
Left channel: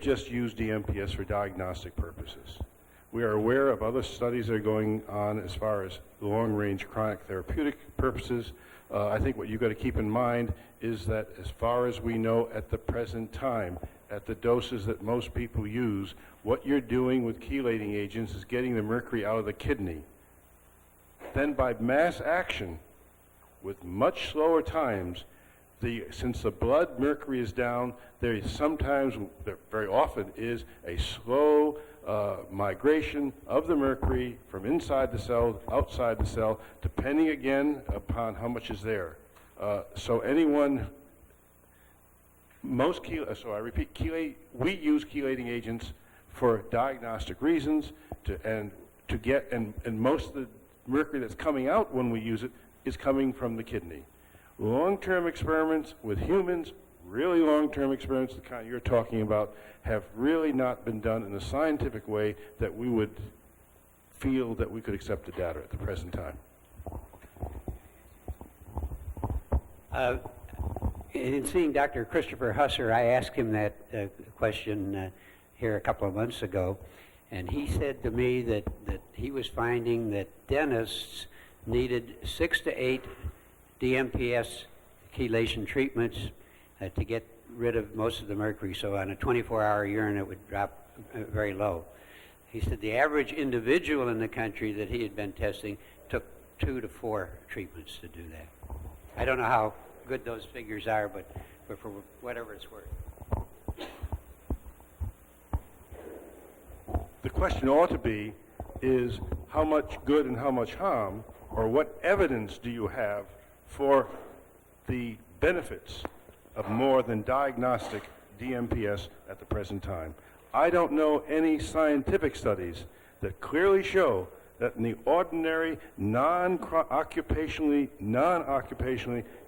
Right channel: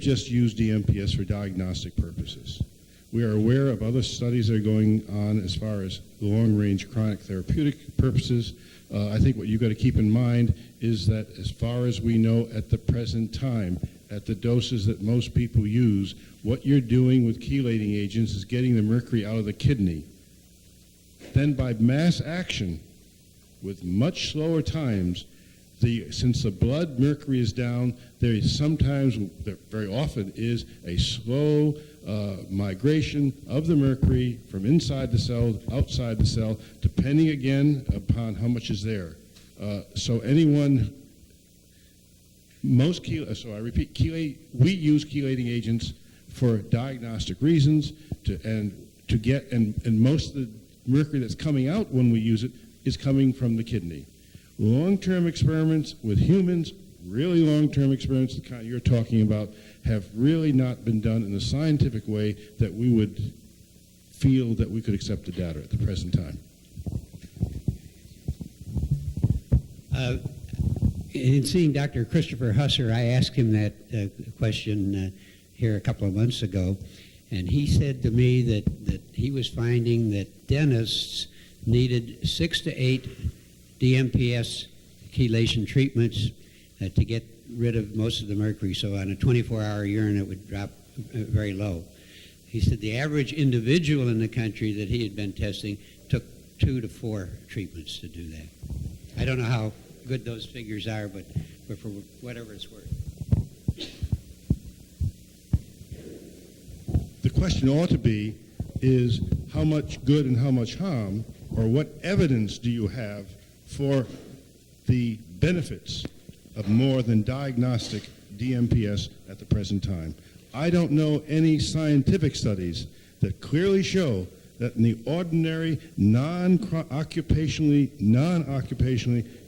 just used DMPS for diagnostic purposes. We are aware of other studies that are going on as far as long-range chronic therapeutic purposes. I think what you've got to keep in mind is that as far as we know at the present time, at the doses that most people use, what you're doing with chelating agents is getting the mercury out of the kidney. Then by mass action, with much slower times, since the blood mercury is down, there is sometimes, very often, is a slow migration of the mercury from inside the cell, outside the cell, depending again upon how much is there. So anyone, so I repeat, we use chelating agents for diagnostic reasons, and most of the mercury that's coming out when we use it is coming from the kidney. Long-term experiments with humans, really long-term experiments, the kind you're talking about, have really not been done in a scientific way that we would feel that we could accept the data at the present time. In seeing Dr. Christopher Husser, I asked him that question here a couple of months ago, and he said to me that he was finding that dentists needed 6 to 8 DMPS chelation treatments to get rid of most of the mercury. So on a 24-hour urine, it would drop very low. He said the average individual in the country that he had been testing took 2 to 4 treatments to do that. I don't know how good those figures are, but for whatever it's worth. The question ought to be is how much good and how much harm, or what evidence do you have for the benefits of more than diagnostic DMPS at the present time? I don't know any scientific studies that clearly show that in the ordinary, non-occupationally,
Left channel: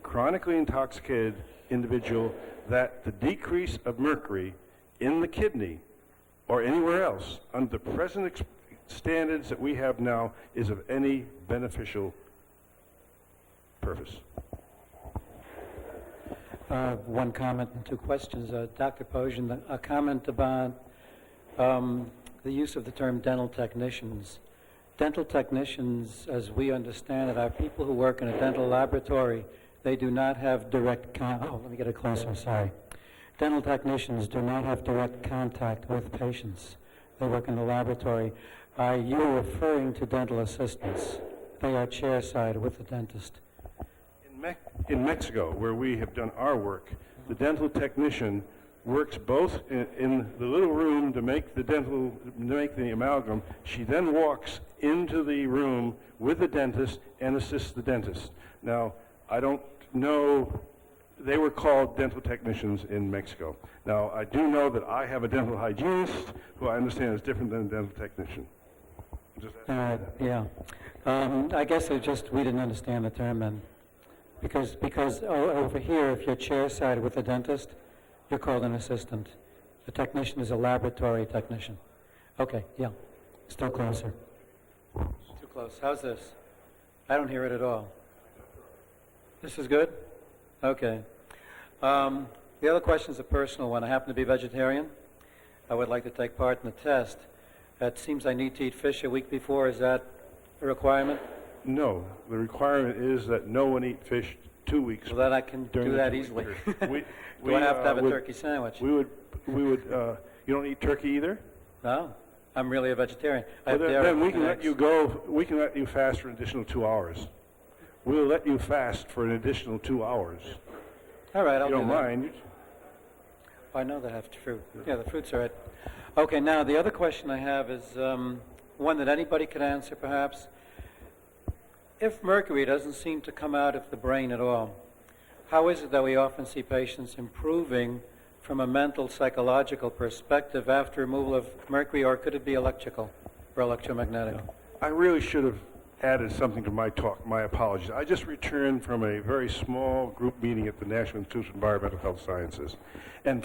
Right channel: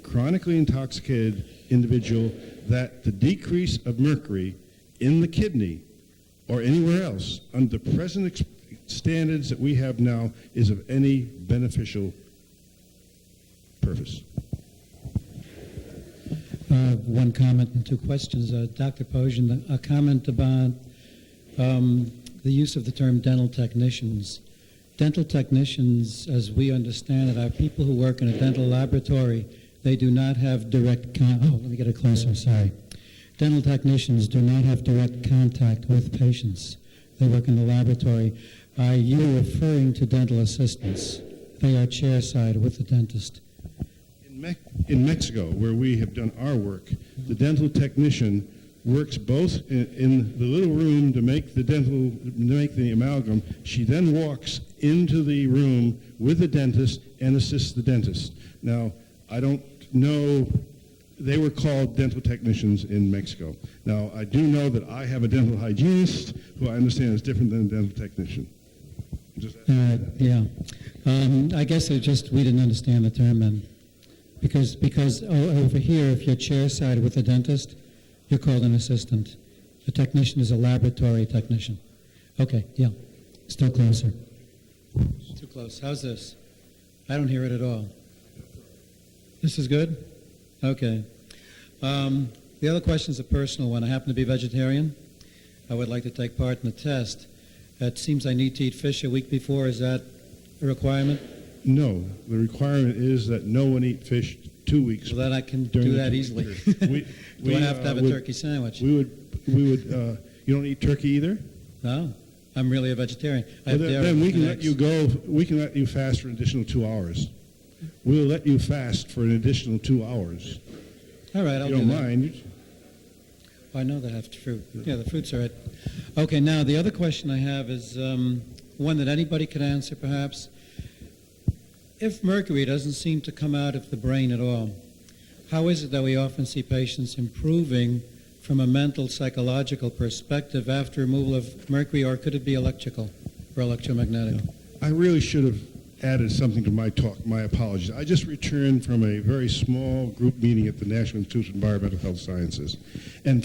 chronically intoxicated individual, that the decrease of mercury in the kidney or anywhere else under the present standards that we have now is of any beneficial purpose. One comment and 2 questions. Dr. Posian, a comment about the use of the term dental technicians. Dental technicians, as we understand it, are people who work in a dental laboratory. They do not have direct let me get it closer, sorry. Dental technicians do not have direct contact with patients. They work in the laboratory. Are you referring to dental assistants? They are chairside with the dentist. In Mexico, where we have done our work, the dental technician works both in the little room to make the amalgam. She then walks into the room with the dentist and assists the dentist. Now, I don't know, they were called dental technicians in Mexico. Now, I do know that I have a dental hygienist who I understand is different than a dental technician. Yeah. I guess we didn't understand the term then. Because over here, if you're chairside with a dentist, you're called an assistant. A technician is a laboratory technician. Okay, yeah. Still closer. Too close. How's this? I don't hear it at all. This is good? Okay. The The other question is a personal one. I happen to be vegetarian. I would like to take part in the test. It seems I need to eat fish a week before. Is that a requirement? No, the requirement is that no one eat fish 2 weeks. Well, then I can during do the that 2 week easily. period. Do I have to have a would- turkey sandwich? We would, you don't eat turkey either? No, I'm really a vegetarian. I Well, have dairy then we can and let eggs. you go, we can let you fast for an additional 2 hours. We'll let you fast for an additional 2 hours. All right, I'll If you do don't that. mind. I know they have fruit. Yeah, the fruits are it. Okay, now the other question I have is one that anybody could answer perhaps. If mercury doesn't seem to come out of the brain at all, how is it that we often see patients improving from a mental, psychological perspective after removal of mercury, or could it be electrical or electromagnetic? I really should have added something to my talk. My apologies. I just returned from a very small group meeting at the National Institute of Environmental Health Sciences. And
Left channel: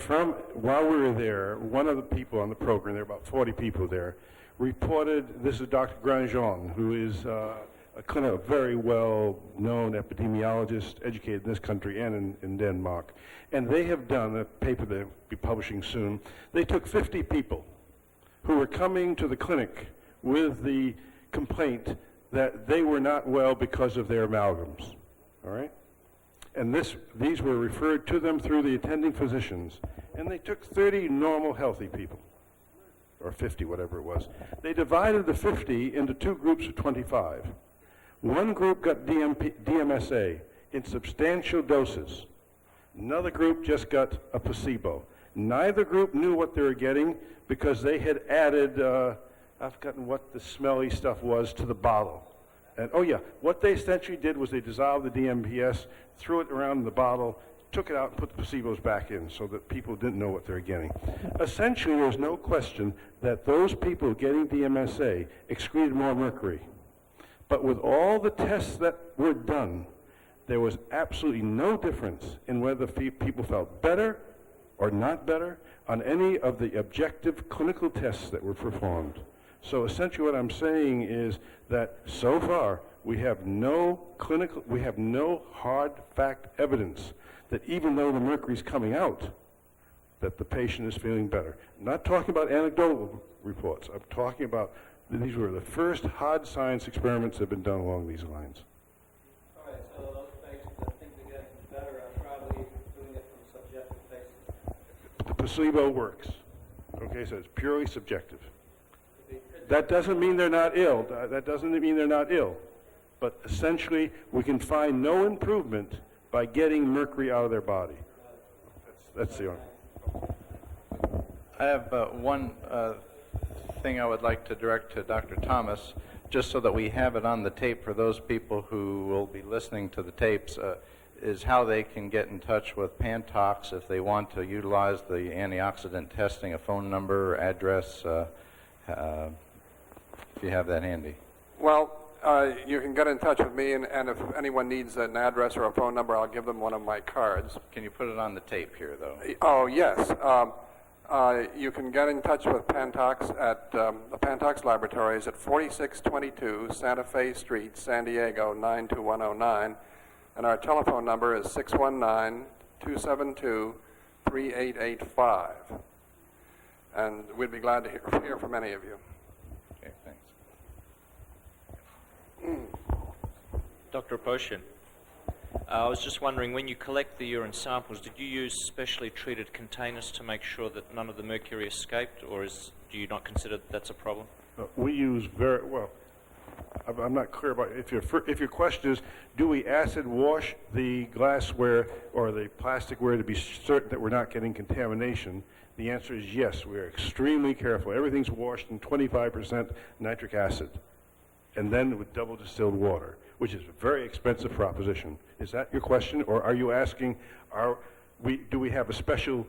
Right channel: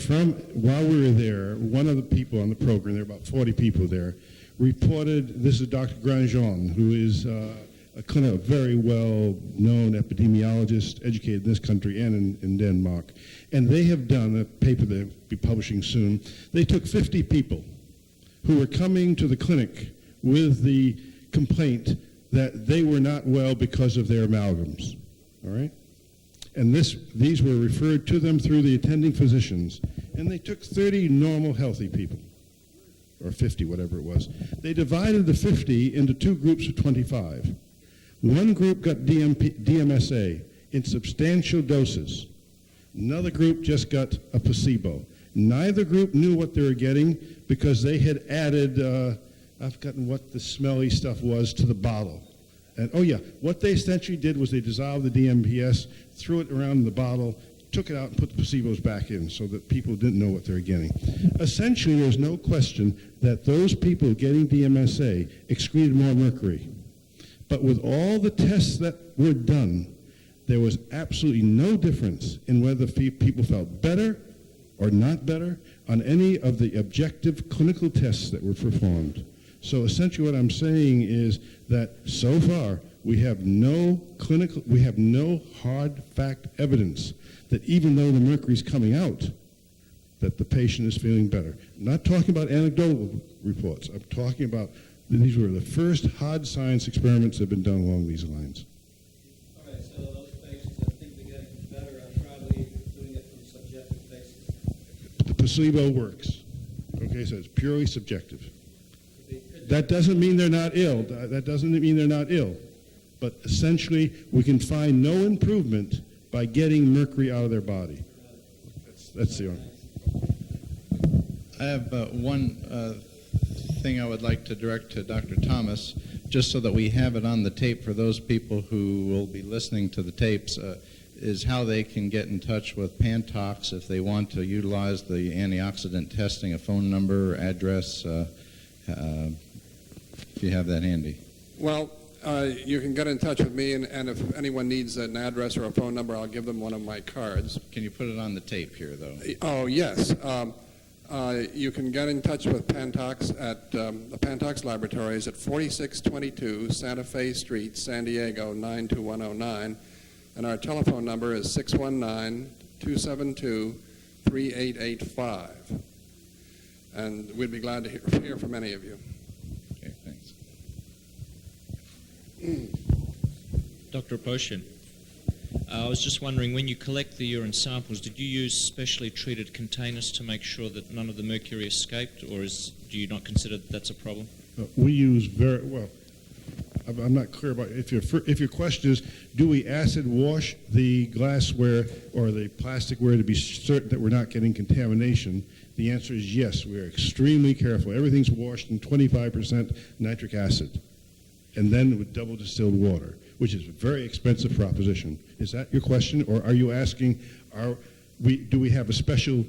while we were there, one of the people on the program, there were about 40 people there, reported, this is Dr. Grandjean, who is a very well-known epidemiologist, educated in this country and in Denmark. And they have done a paper they'll be publishing soon. They took 50 people who were coming to the clinic with the complaint that they were not well because of their amalgams, all right? And these were referred to them through the attending physicians. And they took 30 normal, healthy people, or 50, whatever it was. They divided the 50 into 2 groups of 25. One group got DMSA in substantial doses. Another group just got a placebo. Neither group knew what they were getting because they had added, I've forgotten what the smelly stuff was, to the bottle. And oh yeah, what they essentially did was they dissolved the DMPS, threw it around in the bottle, took it out and put the placebos back in so that people didn't know what they were getting. Essentially, there's no question that those people getting DMSA excreted more mercury. But with all the tests that were done, there was absolutely no difference in whether people felt better or not better on any of the objective clinical tests that were performed. So essentially what I'm saying is that so far we have no hard fact evidence that even though the mercury is coming out, that the patient is feeling better. I'm not talking about anecdotal reports. I'm talking about these were the first hard science experiments that have been done along these lines. All right, so those patients that think they're getting better are probably doing it from a subjective basis. The placebo works. Okay, so it's purely subjective. That doesn't mean they're not ill. That doesn't mean they're not ill. But essentially, we can find no improvement by getting mercury out of their body. That's the only. I have one thing I would like to direct to Dr. Thomas, just so that we have it on the tape for those people who will be listening to the tapes, is how they can get in touch with Pantox if they want to utilize the antioxidant testing, a phone number, address, if you have that handy. Well, you can get in touch with me, and if anyone needs an address or a phone number, I'll give them one of my cards. Can you put it on the tape here, though? Oh, yes. You can get in touch with Pantox at the Pantox Laboratories at 4622 Santa Fe Street, San Diego, 92109. And our telephone number is 619-272-3885. And we'd be glad to hear from any of you. Okay, thanks. Dr. Aposhian, I was just wondering, when you collect the urine samples, did you use specially treated containers to make sure that none of the mercury escaped, or do you not consider that that's a problem? We use very well. I'm not clear about if your question is, do we acid wash the glassware or the plasticware to be certain that we're not getting contamination? The answer is yes. We are extremely careful. Everything's washed in 25% nitric acid, and then with double distilled water, which is a very expensive proposition. Is that your question, or are you asking, do we have a special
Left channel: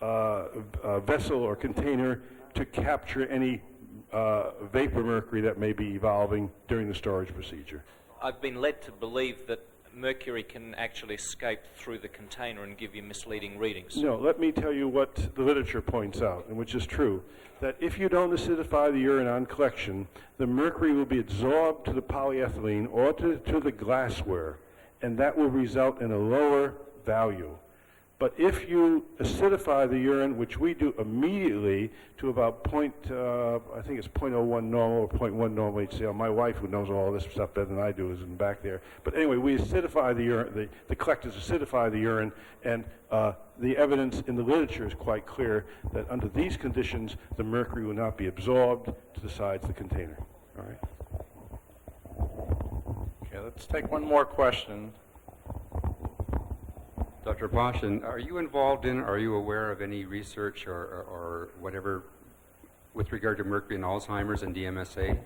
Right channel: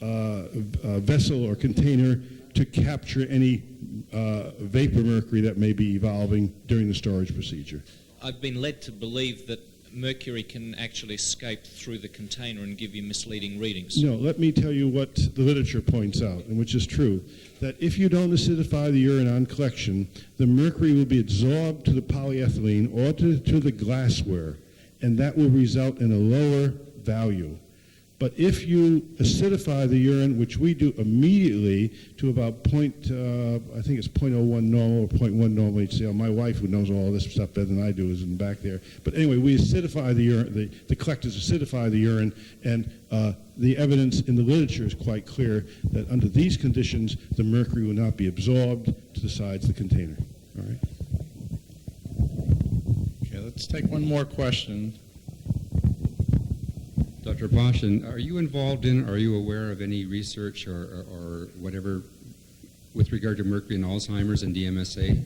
vessel or container to capture any vapor mercury that may be evolving during the storage procedure? I've been led to believe that mercury can actually escape through the container and give you misleading readings. No, let me tell you what the literature points out, and which is true, that if you don't acidify the urine on collection, the mercury will be absorbed to the polyethylene or to the glassware, and that will result in a lower value. But if you acidify the urine, which we do immediately to about I think it's 0.01 normal or 0.1 normal HCl. My wife, who knows all this stuff better than I do, is in back there. But anyway, we acidify the urine, the collectors acidify the urine, and the evidence in the literature is quite clear that under these conditions, the mercury will not be absorbed to the sides of the container. All right? Okay, let's take one more question. Dr. Poshin, are you involved in, are you aware of any research or whatever with regard to mercury and Alzheimer's and DMSA?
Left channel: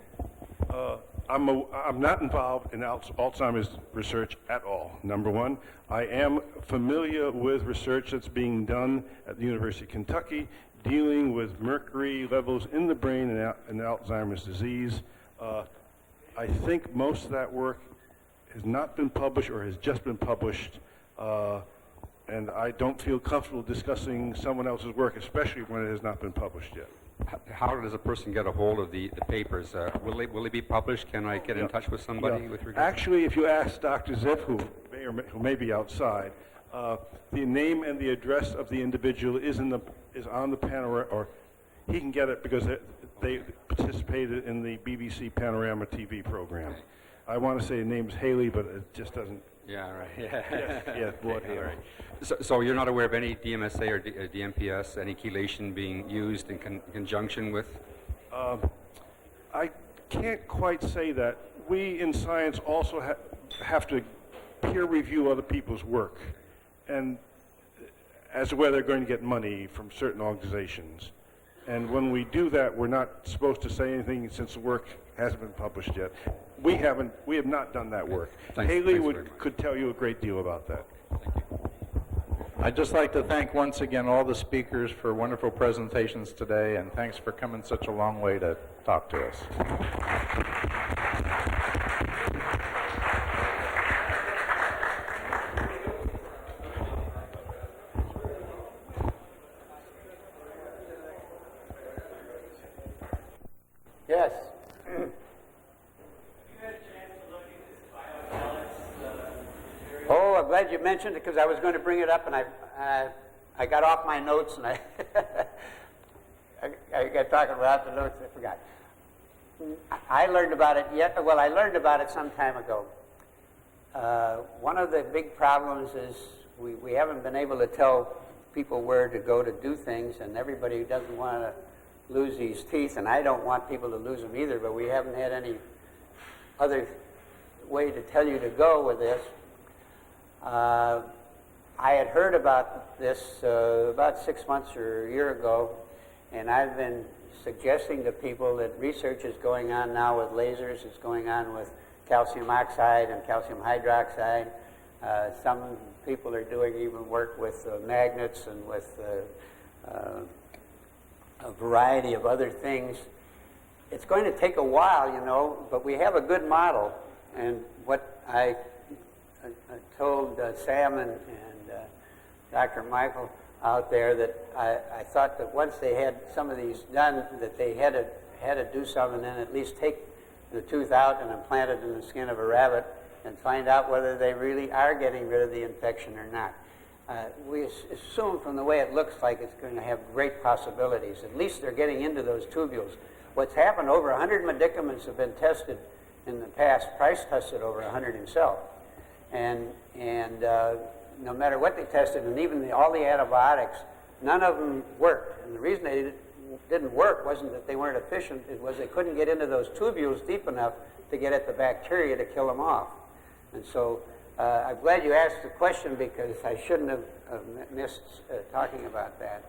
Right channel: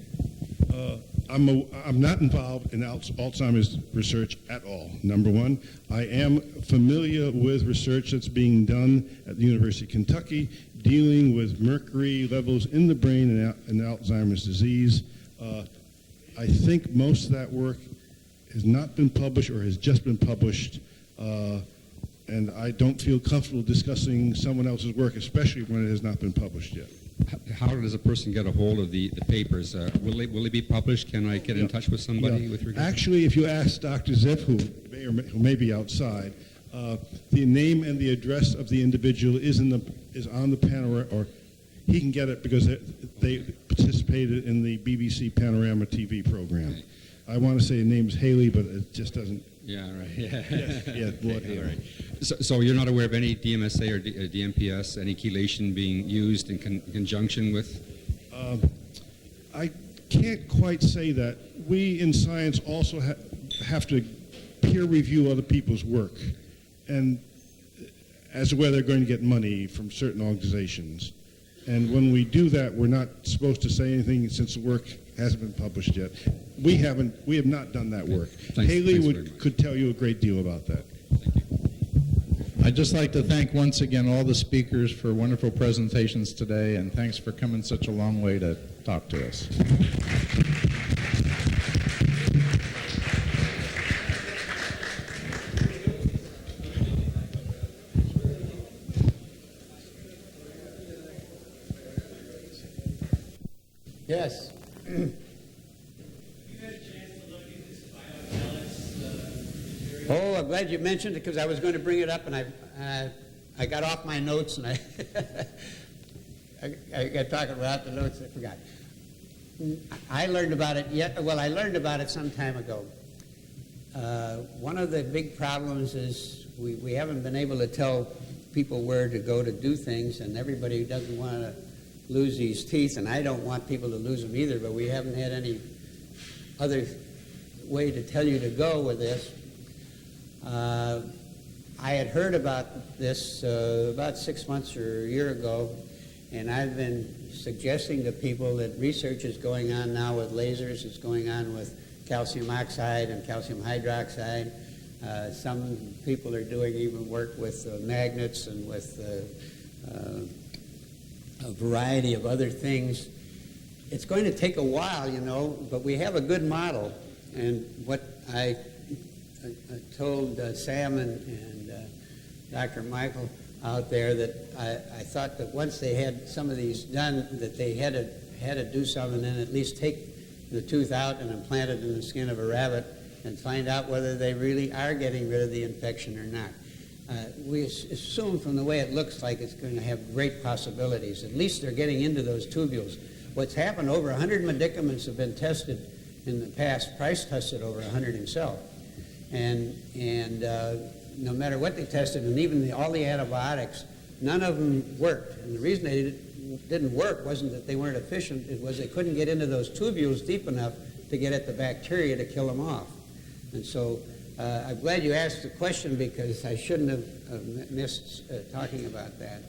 I'm not involved in Alzheimer's research at all, number one. I am familiar with research that's being done at the University of Kentucky dealing with mercury levels in the brain and Alzheimer's disease. I think most of that work has not been published or has just been published. And I don't feel comfortable discussing someone else's work, especially when it has not been published yet. How does a person get a hold of the papers? Will they be published? Can I get in touch with somebody with regard? Actually, if you ask Dr. Ziff, who may be outside, the name and the address of the individual is on the panorama, or he can get it because they participated in the BBC Panorama TV program. Okay. I want to say the name's Haley, but it just doesn't. Yeah, right. Yeah. Yeah, Lord Haley. Right. So you're not aware of any DMSA or DMPS, any chelation being used in conjunction with? I can't quite say that. We in science also have to peer review other people's work, and as to whether they're going to get money from certain organizations. And when we do that, we're not supposed to say anything since the work hasn't been published yet. We have not done that work. Haley could tell you a great deal about that. Thank you. I'd just like to thank once again all the speakers for wonderful presentations today, and thanks for coming such a long way to talk to us. Yes. Oh, I'm glad you mentioned it because I was going to bring it up, and I got off my notes, and I got talking without the notes. I forgot. I learned about it I learned about it some time ago. One of the big problems is we haven't been able to tell people where to go to do things, and everybody doesn't want to lose these teeth, and I don't want people to lose them either, but we haven't had any other way to tell you to go with this. I had heard about this about 6 months or a year ago, and I've been suggesting to people that research is going on now with lasers. It's going on with calcium oxide and calcium hydroxide. Some people are doing even work with magnets and with a variety of other things. It's going to take a while, you know, but we have a good model. And what I told Sam and Dr. Michael out there, that I thought that once they had some of these done, that they had to do something and at least take the tooth out and implant it in the skin of a rabbit and find out whether they really are getting rid of the infection or not. We assume from the way it looks like it's going to have great possibilities. At least they're getting into those tubules. What's happened, over 100 medicaments have been tested in the past. Price tested over 100 himself. And no matter what they tested, and even all the antibiotics, none of them worked. And the reason they didn't work wasn't that they weren't efficient, it was they couldn't get into those tubules deep enough to get at the bacteria to kill them off. And so I'm glad you asked the question, because I shouldn't have missed talking about that.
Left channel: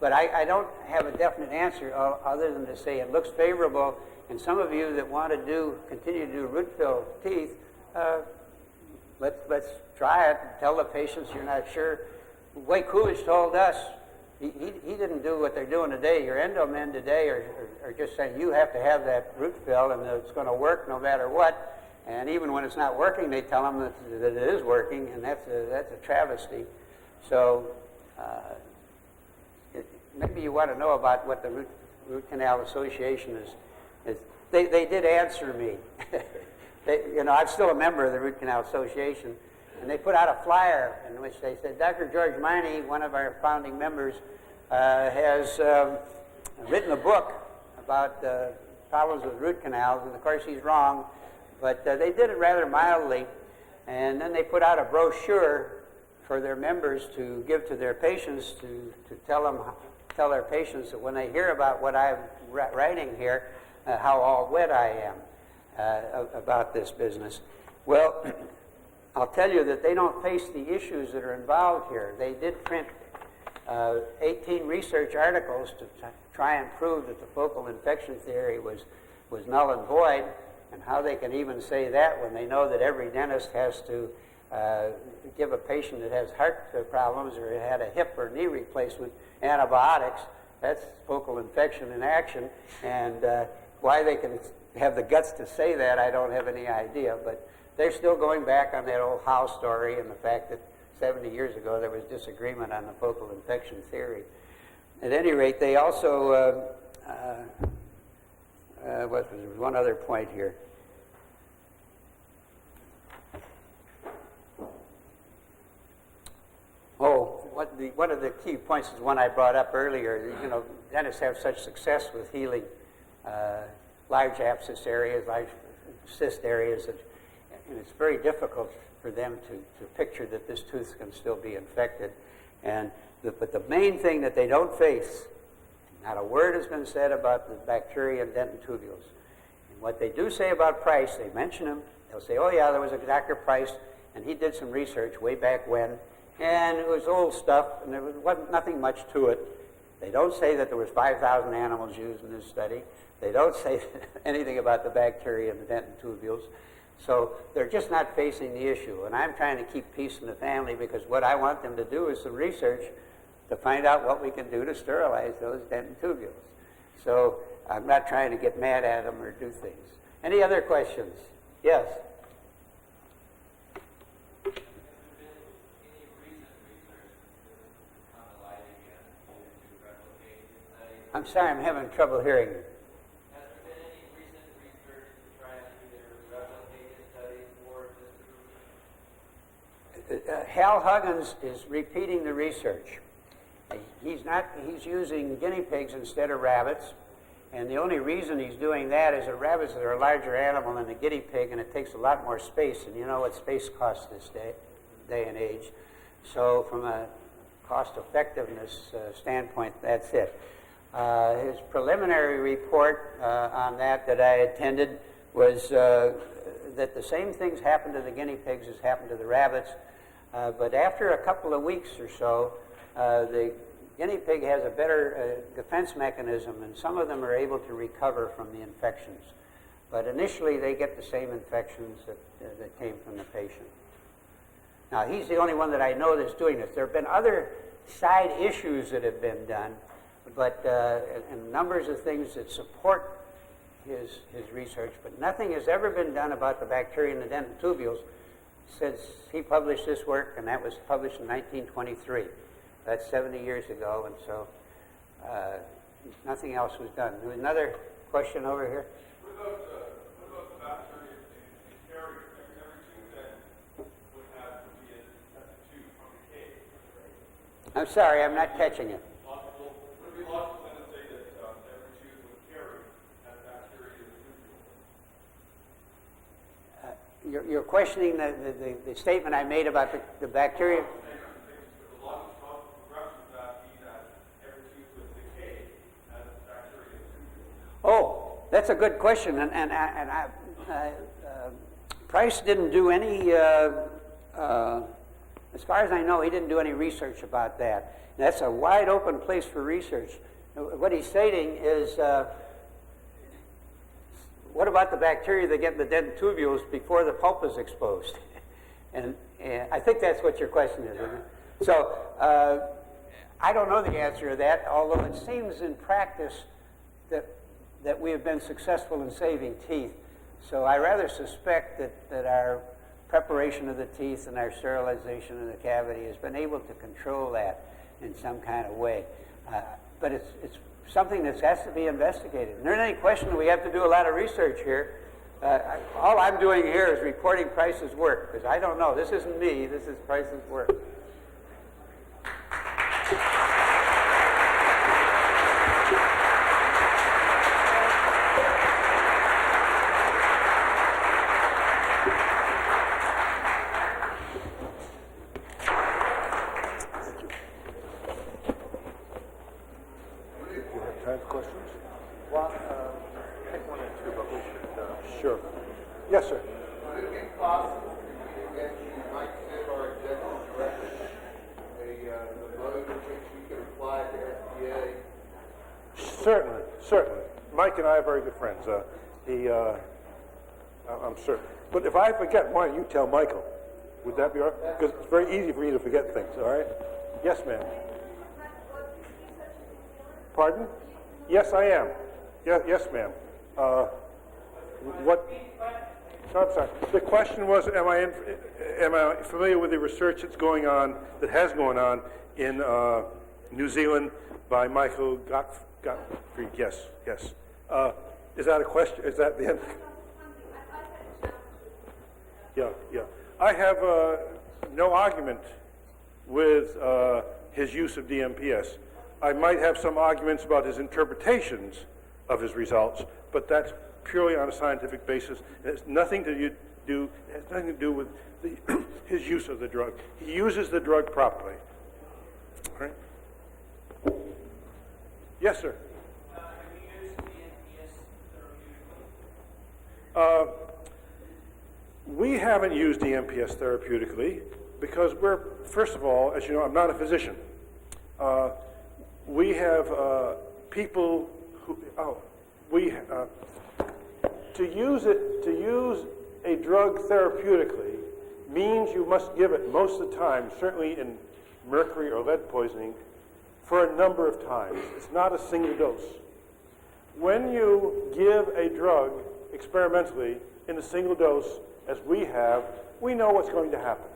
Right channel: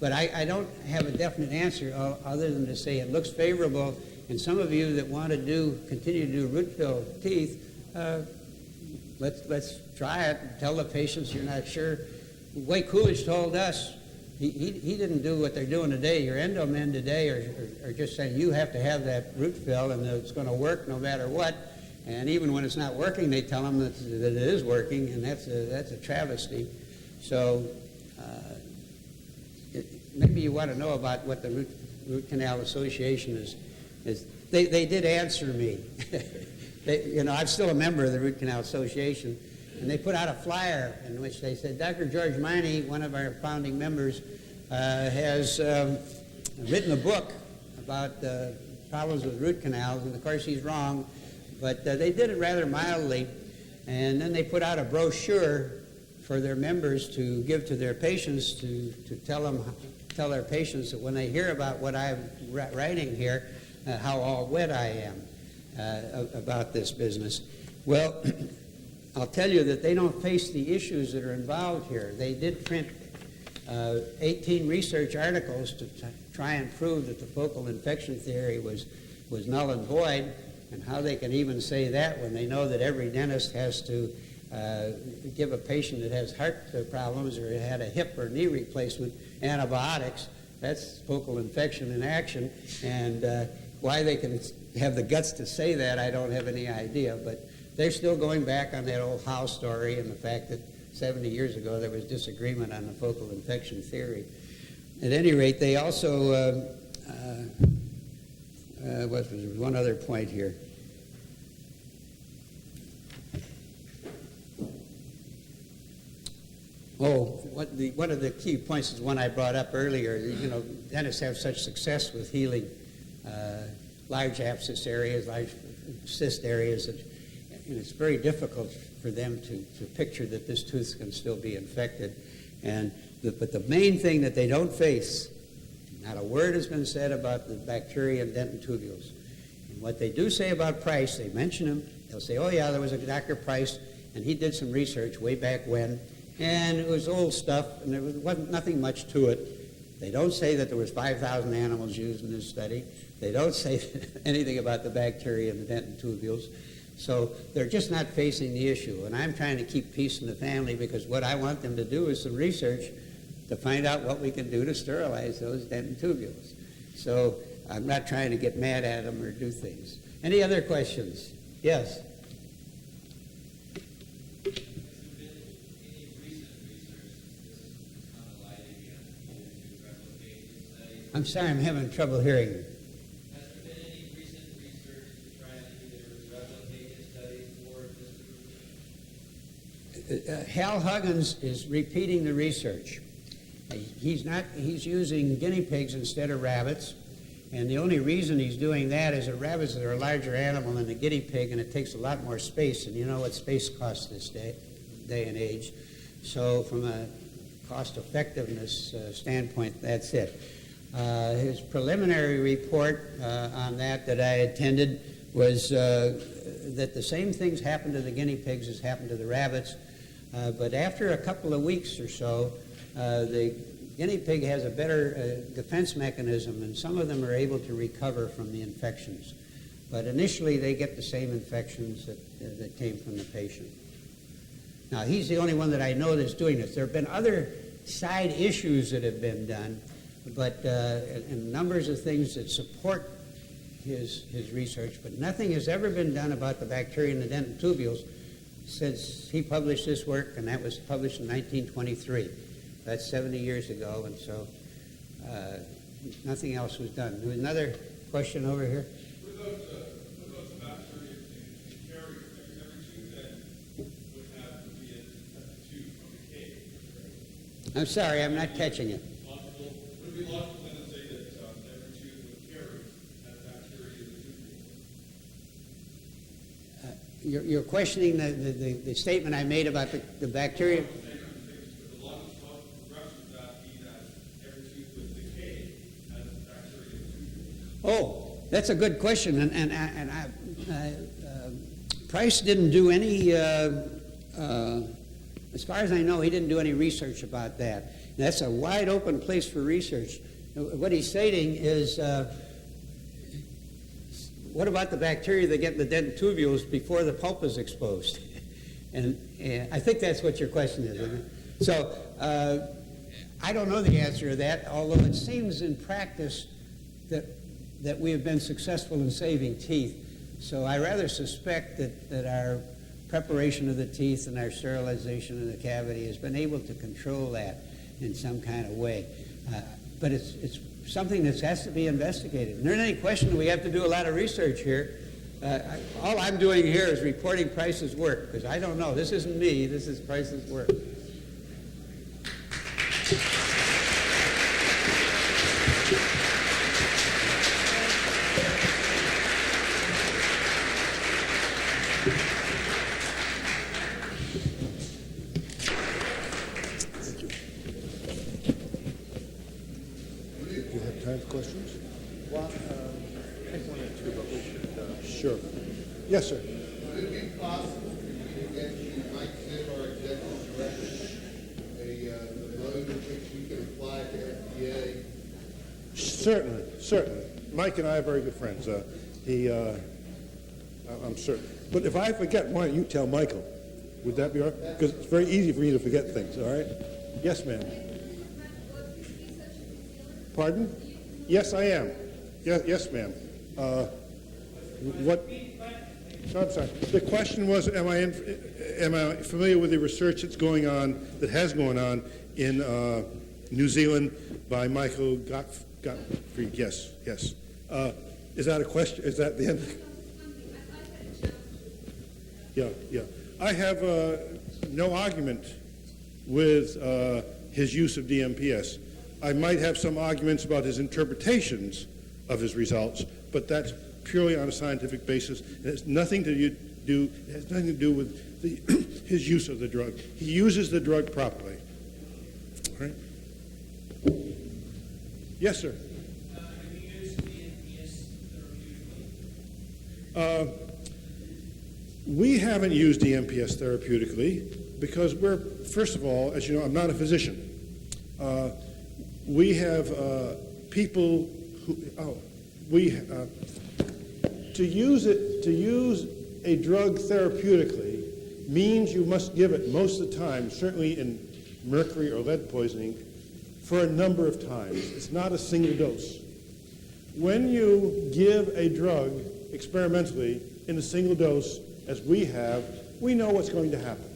But I don't have a definite answer other than to say it looks favorable, and some of you that want to continue to do root fill teeth, let's try it. Tell the patients you're not sure. The way Coolidge told us, he didn't do what they're doing today. Your endomen today are just saying you have to have that root fill and it's going to work no matter what. And even when it's not working, they tell them that it is working, and that's a travesty. So maybe you want to know about what the Root Canal Association is. They did answer me. I'm still a member of the Root Canal Association, And they put out a flyer in which they said, Dr. George Miney, one of our founding members, has written a book about problems with root canals, and of course he's wrong, but they did it rather mildly. And then they put out a brochure for their members to give to their patients to tell their patients that when they hear about what I'm writing here, how all wet I am about this business. Well, I'll tell you that they don't face the issues that are involved here. They did print 18 research articles to try and prove that the focal infection theory was null and void, and how they can even say that when they know that every dentist has to give a patient that has heart problems or had a hip or knee replacement antibiotics. That's focal infection in action, and why they can have the guts to say that, I don't have any idea, but they're still going back on that old Howe story and the fact that 70 years ago there was disagreement on the focal infection theory. At any rate, they also, there was one other point here. Oh, one of the key points is one I brought up earlier. You know, dentists have such success with healing large abscess areas, large cyst areas, and it's very difficult for them to picture that this tooth can still be infected. But the main thing that they don't face, not a word has been said about the bacteria and dentin tubules. And what they do say about Price, they mention him. They'll say, oh yeah, there was a Dr. Price, and he did some research way back when, and it was old stuff, and there wasn't nothing much to it. They don't say that there was 5,000 animals used in this study. They don't say anything about the bacteria and the dentin tubules. So they're just not facing the issue. And I'm trying to keep peace in the family, because what I want them to do is some research to find out what we can do to sterilize those dentin tubules. So I'm not trying to get mad at them or do things. Any other questions? Yes? I'm sorry, I'm having trouble hearing you. Has there been any recent research to try and either replicate his studies or disprove? Hal Huggins is repeating the research. He's using guinea pigs instead of rabbits, and the only reason he's doing that is that rabbits are a larger animal than a guinea pig, and it takes a lot more space, and you know what space costs this day and age. So from a cost effectiveness standpoint, that's it. His preliminary report on that I attended was that the same things happened to the guinea pigs as happened to the rabbits, but after a couple of weeks or so, the guinea pig has a better defense mechanism, and some of them are able to recover from the infections. But initially, they get the same infections that came from the patient. Now, he's the only one that I know that's doing this. There have been other side issues that have been done, but and numbers of things that support his research, but nothing has ever been done about the bacteria in the dentin tubules since he published this work, and that was published in 1923. That's 70 years ago, and so nothing else was done. There was another question over here. What about the bacteria in carrier? Every tooth then would have to be a tooth from the cave. I'm sorry, I'm not catching it. Would it be logical then to say that every tooth with carrier has bacteria in the tubule? You're questioning the statement I made about the bacteria? The logical progression of that be that every tooth with decay has bacteria in the tubule. Oh, that's a good question, and Price didn't do any, as far as I know, he didn't do any research about that. That's a wide open place for research. What he's stating is, what about the bacteria that get in the dentin tubules before the pulp is exposed? and I think that's what your question is, isn't it? So I don't know the answer to that, although it seems in practice that we have been successful in saving teeth. So I rather suspect that our preparation of the teeth and our sterilization of the cavity has been able to control that in some kind of way. But it's something that has to be investigated. And there isn't any question that we have to do a lot of research here, All I'm doing here is reporting Price's work, because I don't know. This isn't me. This is Price's work. Do you have time for questions? Well, I think one or two, but we should... Sure. Yes, sir. Would it be possible to get you, Mike Zip, our executive director, a mode in which we can apply to FDA? Certainly, certainly. Mike and I are very good friends. I'm certain. But if I forget, why don't you tell Michael? Would that be all right? Because it's very easy for me to forget things, all right? Yes, ma'am. Pardon? Yes, I am. Yes, ma'am. What? No, I'm sorry. The question was, am I familiar with the research that's going on, that has gone on in New Zealand by Michael Gottfried? Yes, yes. Is that a question? Is that the end? Yeah, yeah. I have no argument with his use of DMPS. I might have some arguments about his interpretations of his results, but that's purely on a scientific basis. It has nothing to do with his use of the drug. He uses the drug properly. All right? Yes, sir. Have you used DMPS therapeutically? We haven't used DMPS therapeutically because we're, first of all, as you know, I'm not a physician. We have people who, to use a drug therapeutically means you must give it most of the time, certainly in mercury or lead poisoning, for a number of times. It's not a single dose. When you give a drug experimentally in a single dose, as we have, we know what's going to happen.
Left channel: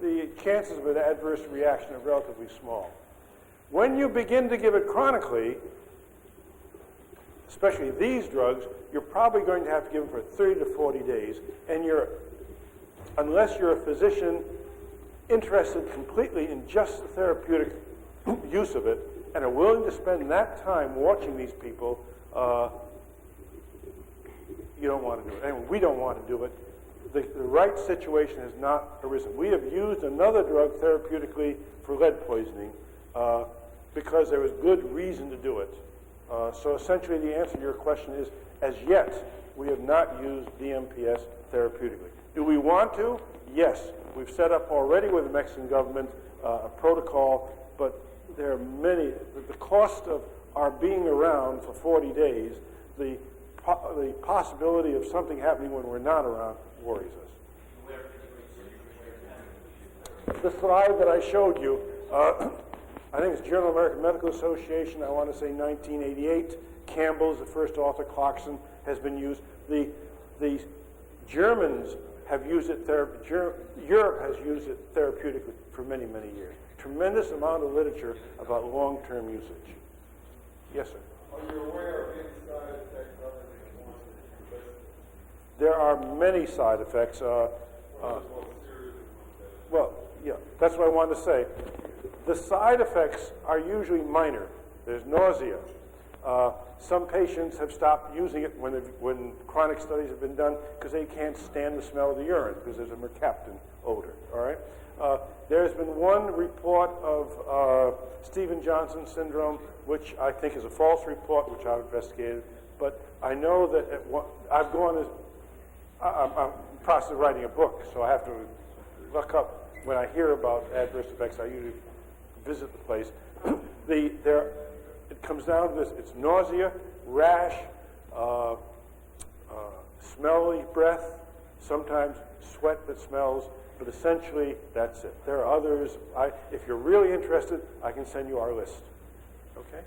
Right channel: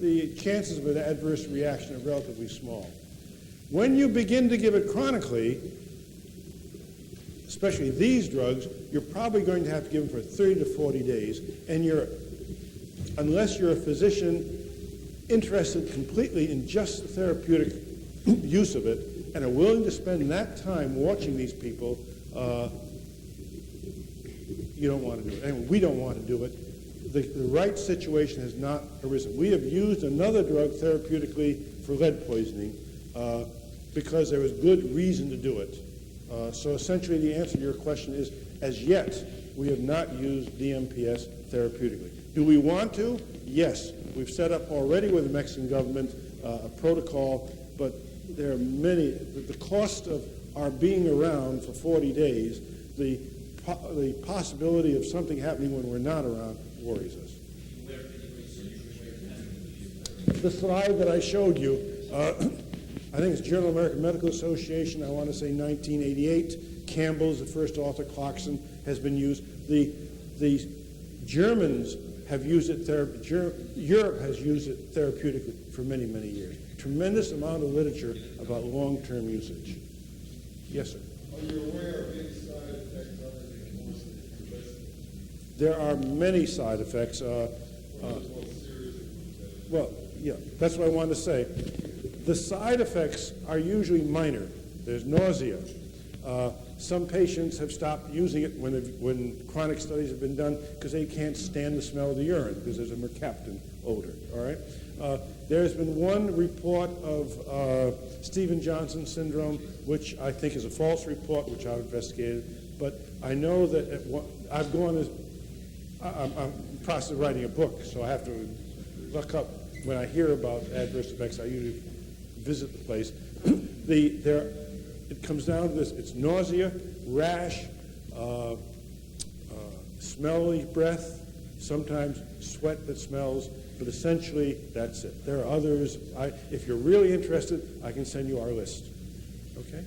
The chances of an adverse reaction are relatively small. When you begin to give it chronically, especially these drugs, you're probably going to have to give them for 30 to 40 days, and unless you're a physician interested completely in just the therapeutic use of it and are willing to spend that time watching these people, you don't want to do it. And we don't want to do it. The right situation has not arisen. We have used another drug therapeutically for lead poisoning because there was good reason to do it. So essentially the answer to your question is, as yet, we have not used DMPS therapeutically. Do we want to? Yes. We've set up already with the Mexican government a protocol, but there are many, the cost of our being around for 40 days, the possibility of something happening when we're not around worries us. The slide that I showed you, I think it's Journal of American Medical Association, I want to say 1988. Campbell's the first author, Clarkson has been used. The Germans have used it, Europe has used it therapeutically for many, many years. Tremendous amount of literature about long-term usage. Yes, sir. Are you aware of any side effects other than ones that you listed? There are many side effects. Well, yeah, that's what I wanted to say. The side effects are usually minor. There's nausea. Some patients have stopped using it when chronic studies have been done because they can't stand the smell of the urine because there's a mercaptan odor, all right? There's been one report of Stevens-Johnson syndrome, which I think is a false report, which I've investigated, but I know that I've gone as, I'm in the process of writing a book, so I have to look up, when I hear about adverse effects, I usually visit the place. It comes down to this, it's nausea, rash, smelly breath, sometimes sweat that smells, but essentially that's it. There are others. If you're really interested, I can send you our list. Okay?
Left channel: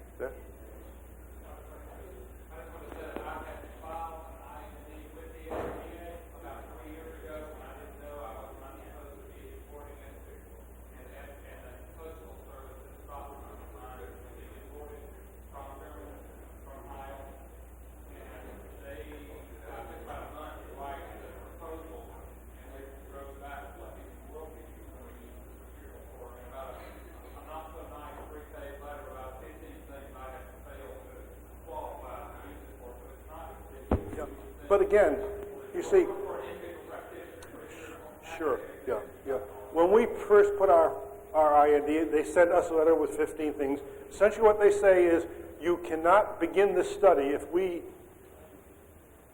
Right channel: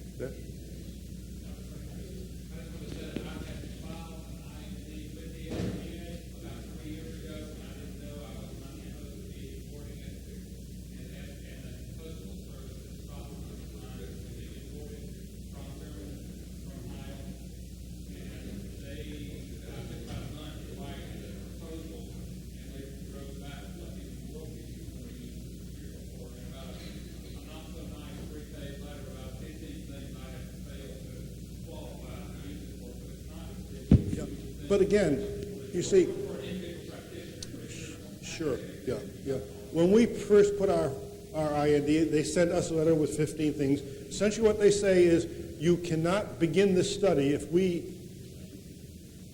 But again, you see, sure, yeah, yeah. When we first put our IND, they sent us a letter with 15 things. Essentially what they say is, you cannot begin this study if we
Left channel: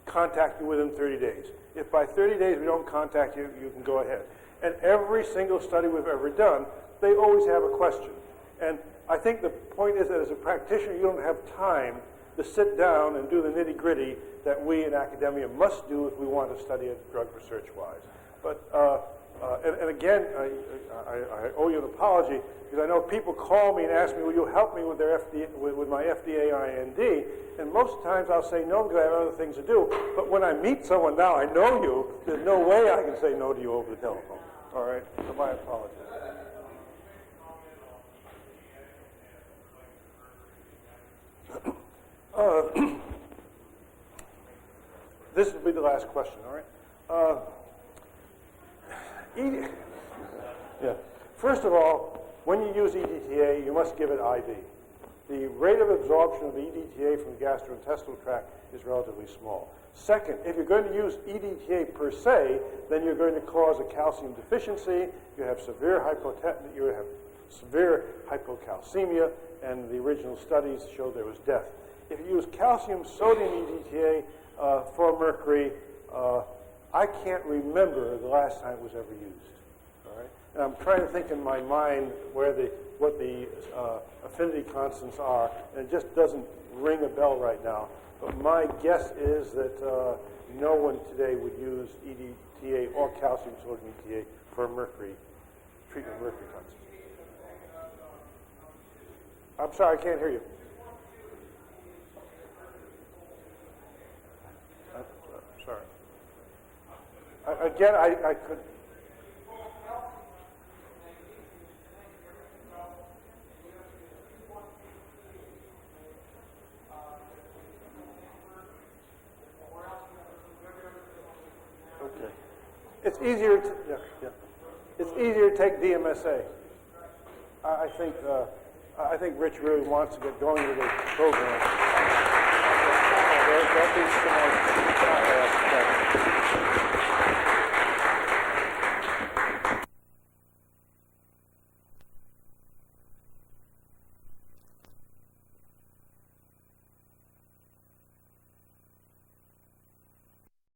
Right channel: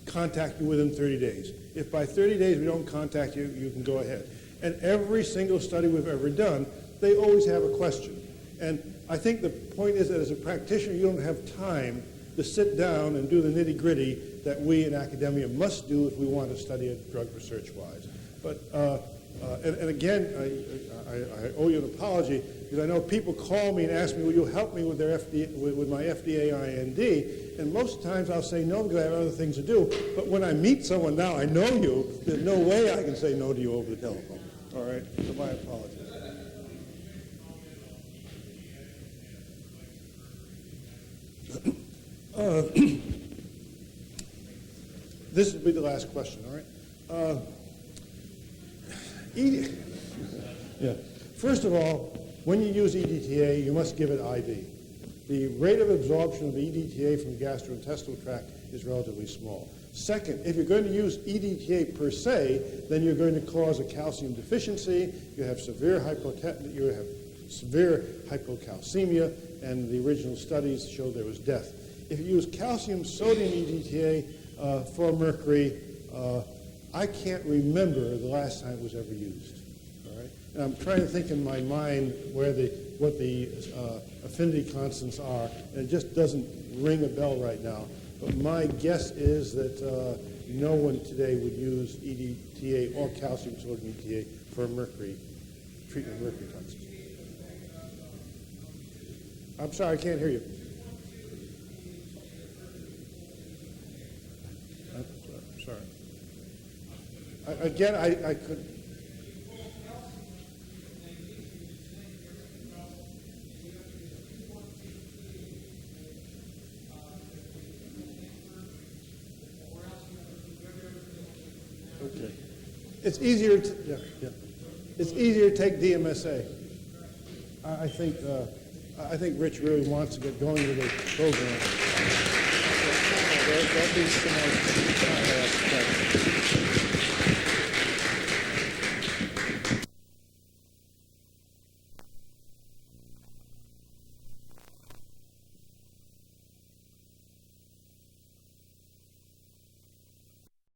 contact you within 30 days. If by 30 days we don't contact you, you can go ahead. And every single study we've ever done, they always have a question. And I think the point is that as a practitioner, you don't have time to sit down and do the nitty-gritty that we in academia must do if we want to study a drug research-wise. But, and again, I owe you an apology, because I know people call me and ask me, will you help me with their with my FDA IND? And most times I'll say no, because I have other things to do. But when I meet someone now, I know you, there's no way I can say no to you over the telephone. All right, so my apologies. This will be the last question, all right? Yeah. First of all, when you use EDTA, you must give it IV. The rate of absorption of EDTA from the gastrointestinal tract is relatively small. Second, if you're going to use EDTA per se, then you're going to cause a calcium deficiency. You have severe hypocalcemia, and the original studies show there was death. If you use calcium sodium EDTA for mercury, I can't remember the last time it was ever used. All right? And I'm trying to think in my mind what the affinity constants are, and it just doesn't ring a bell right now. But my guess is that no one today would use EDTA or calcium sodium EDTA for mercury, treatment of mercury toxicity. I'm sorry, I can't hear you. I'm sorry. Again, I could. Okay. It's easier to, yeah. It's easier to take DMSA. I think Rich really wants to get going with the program. There'll be some more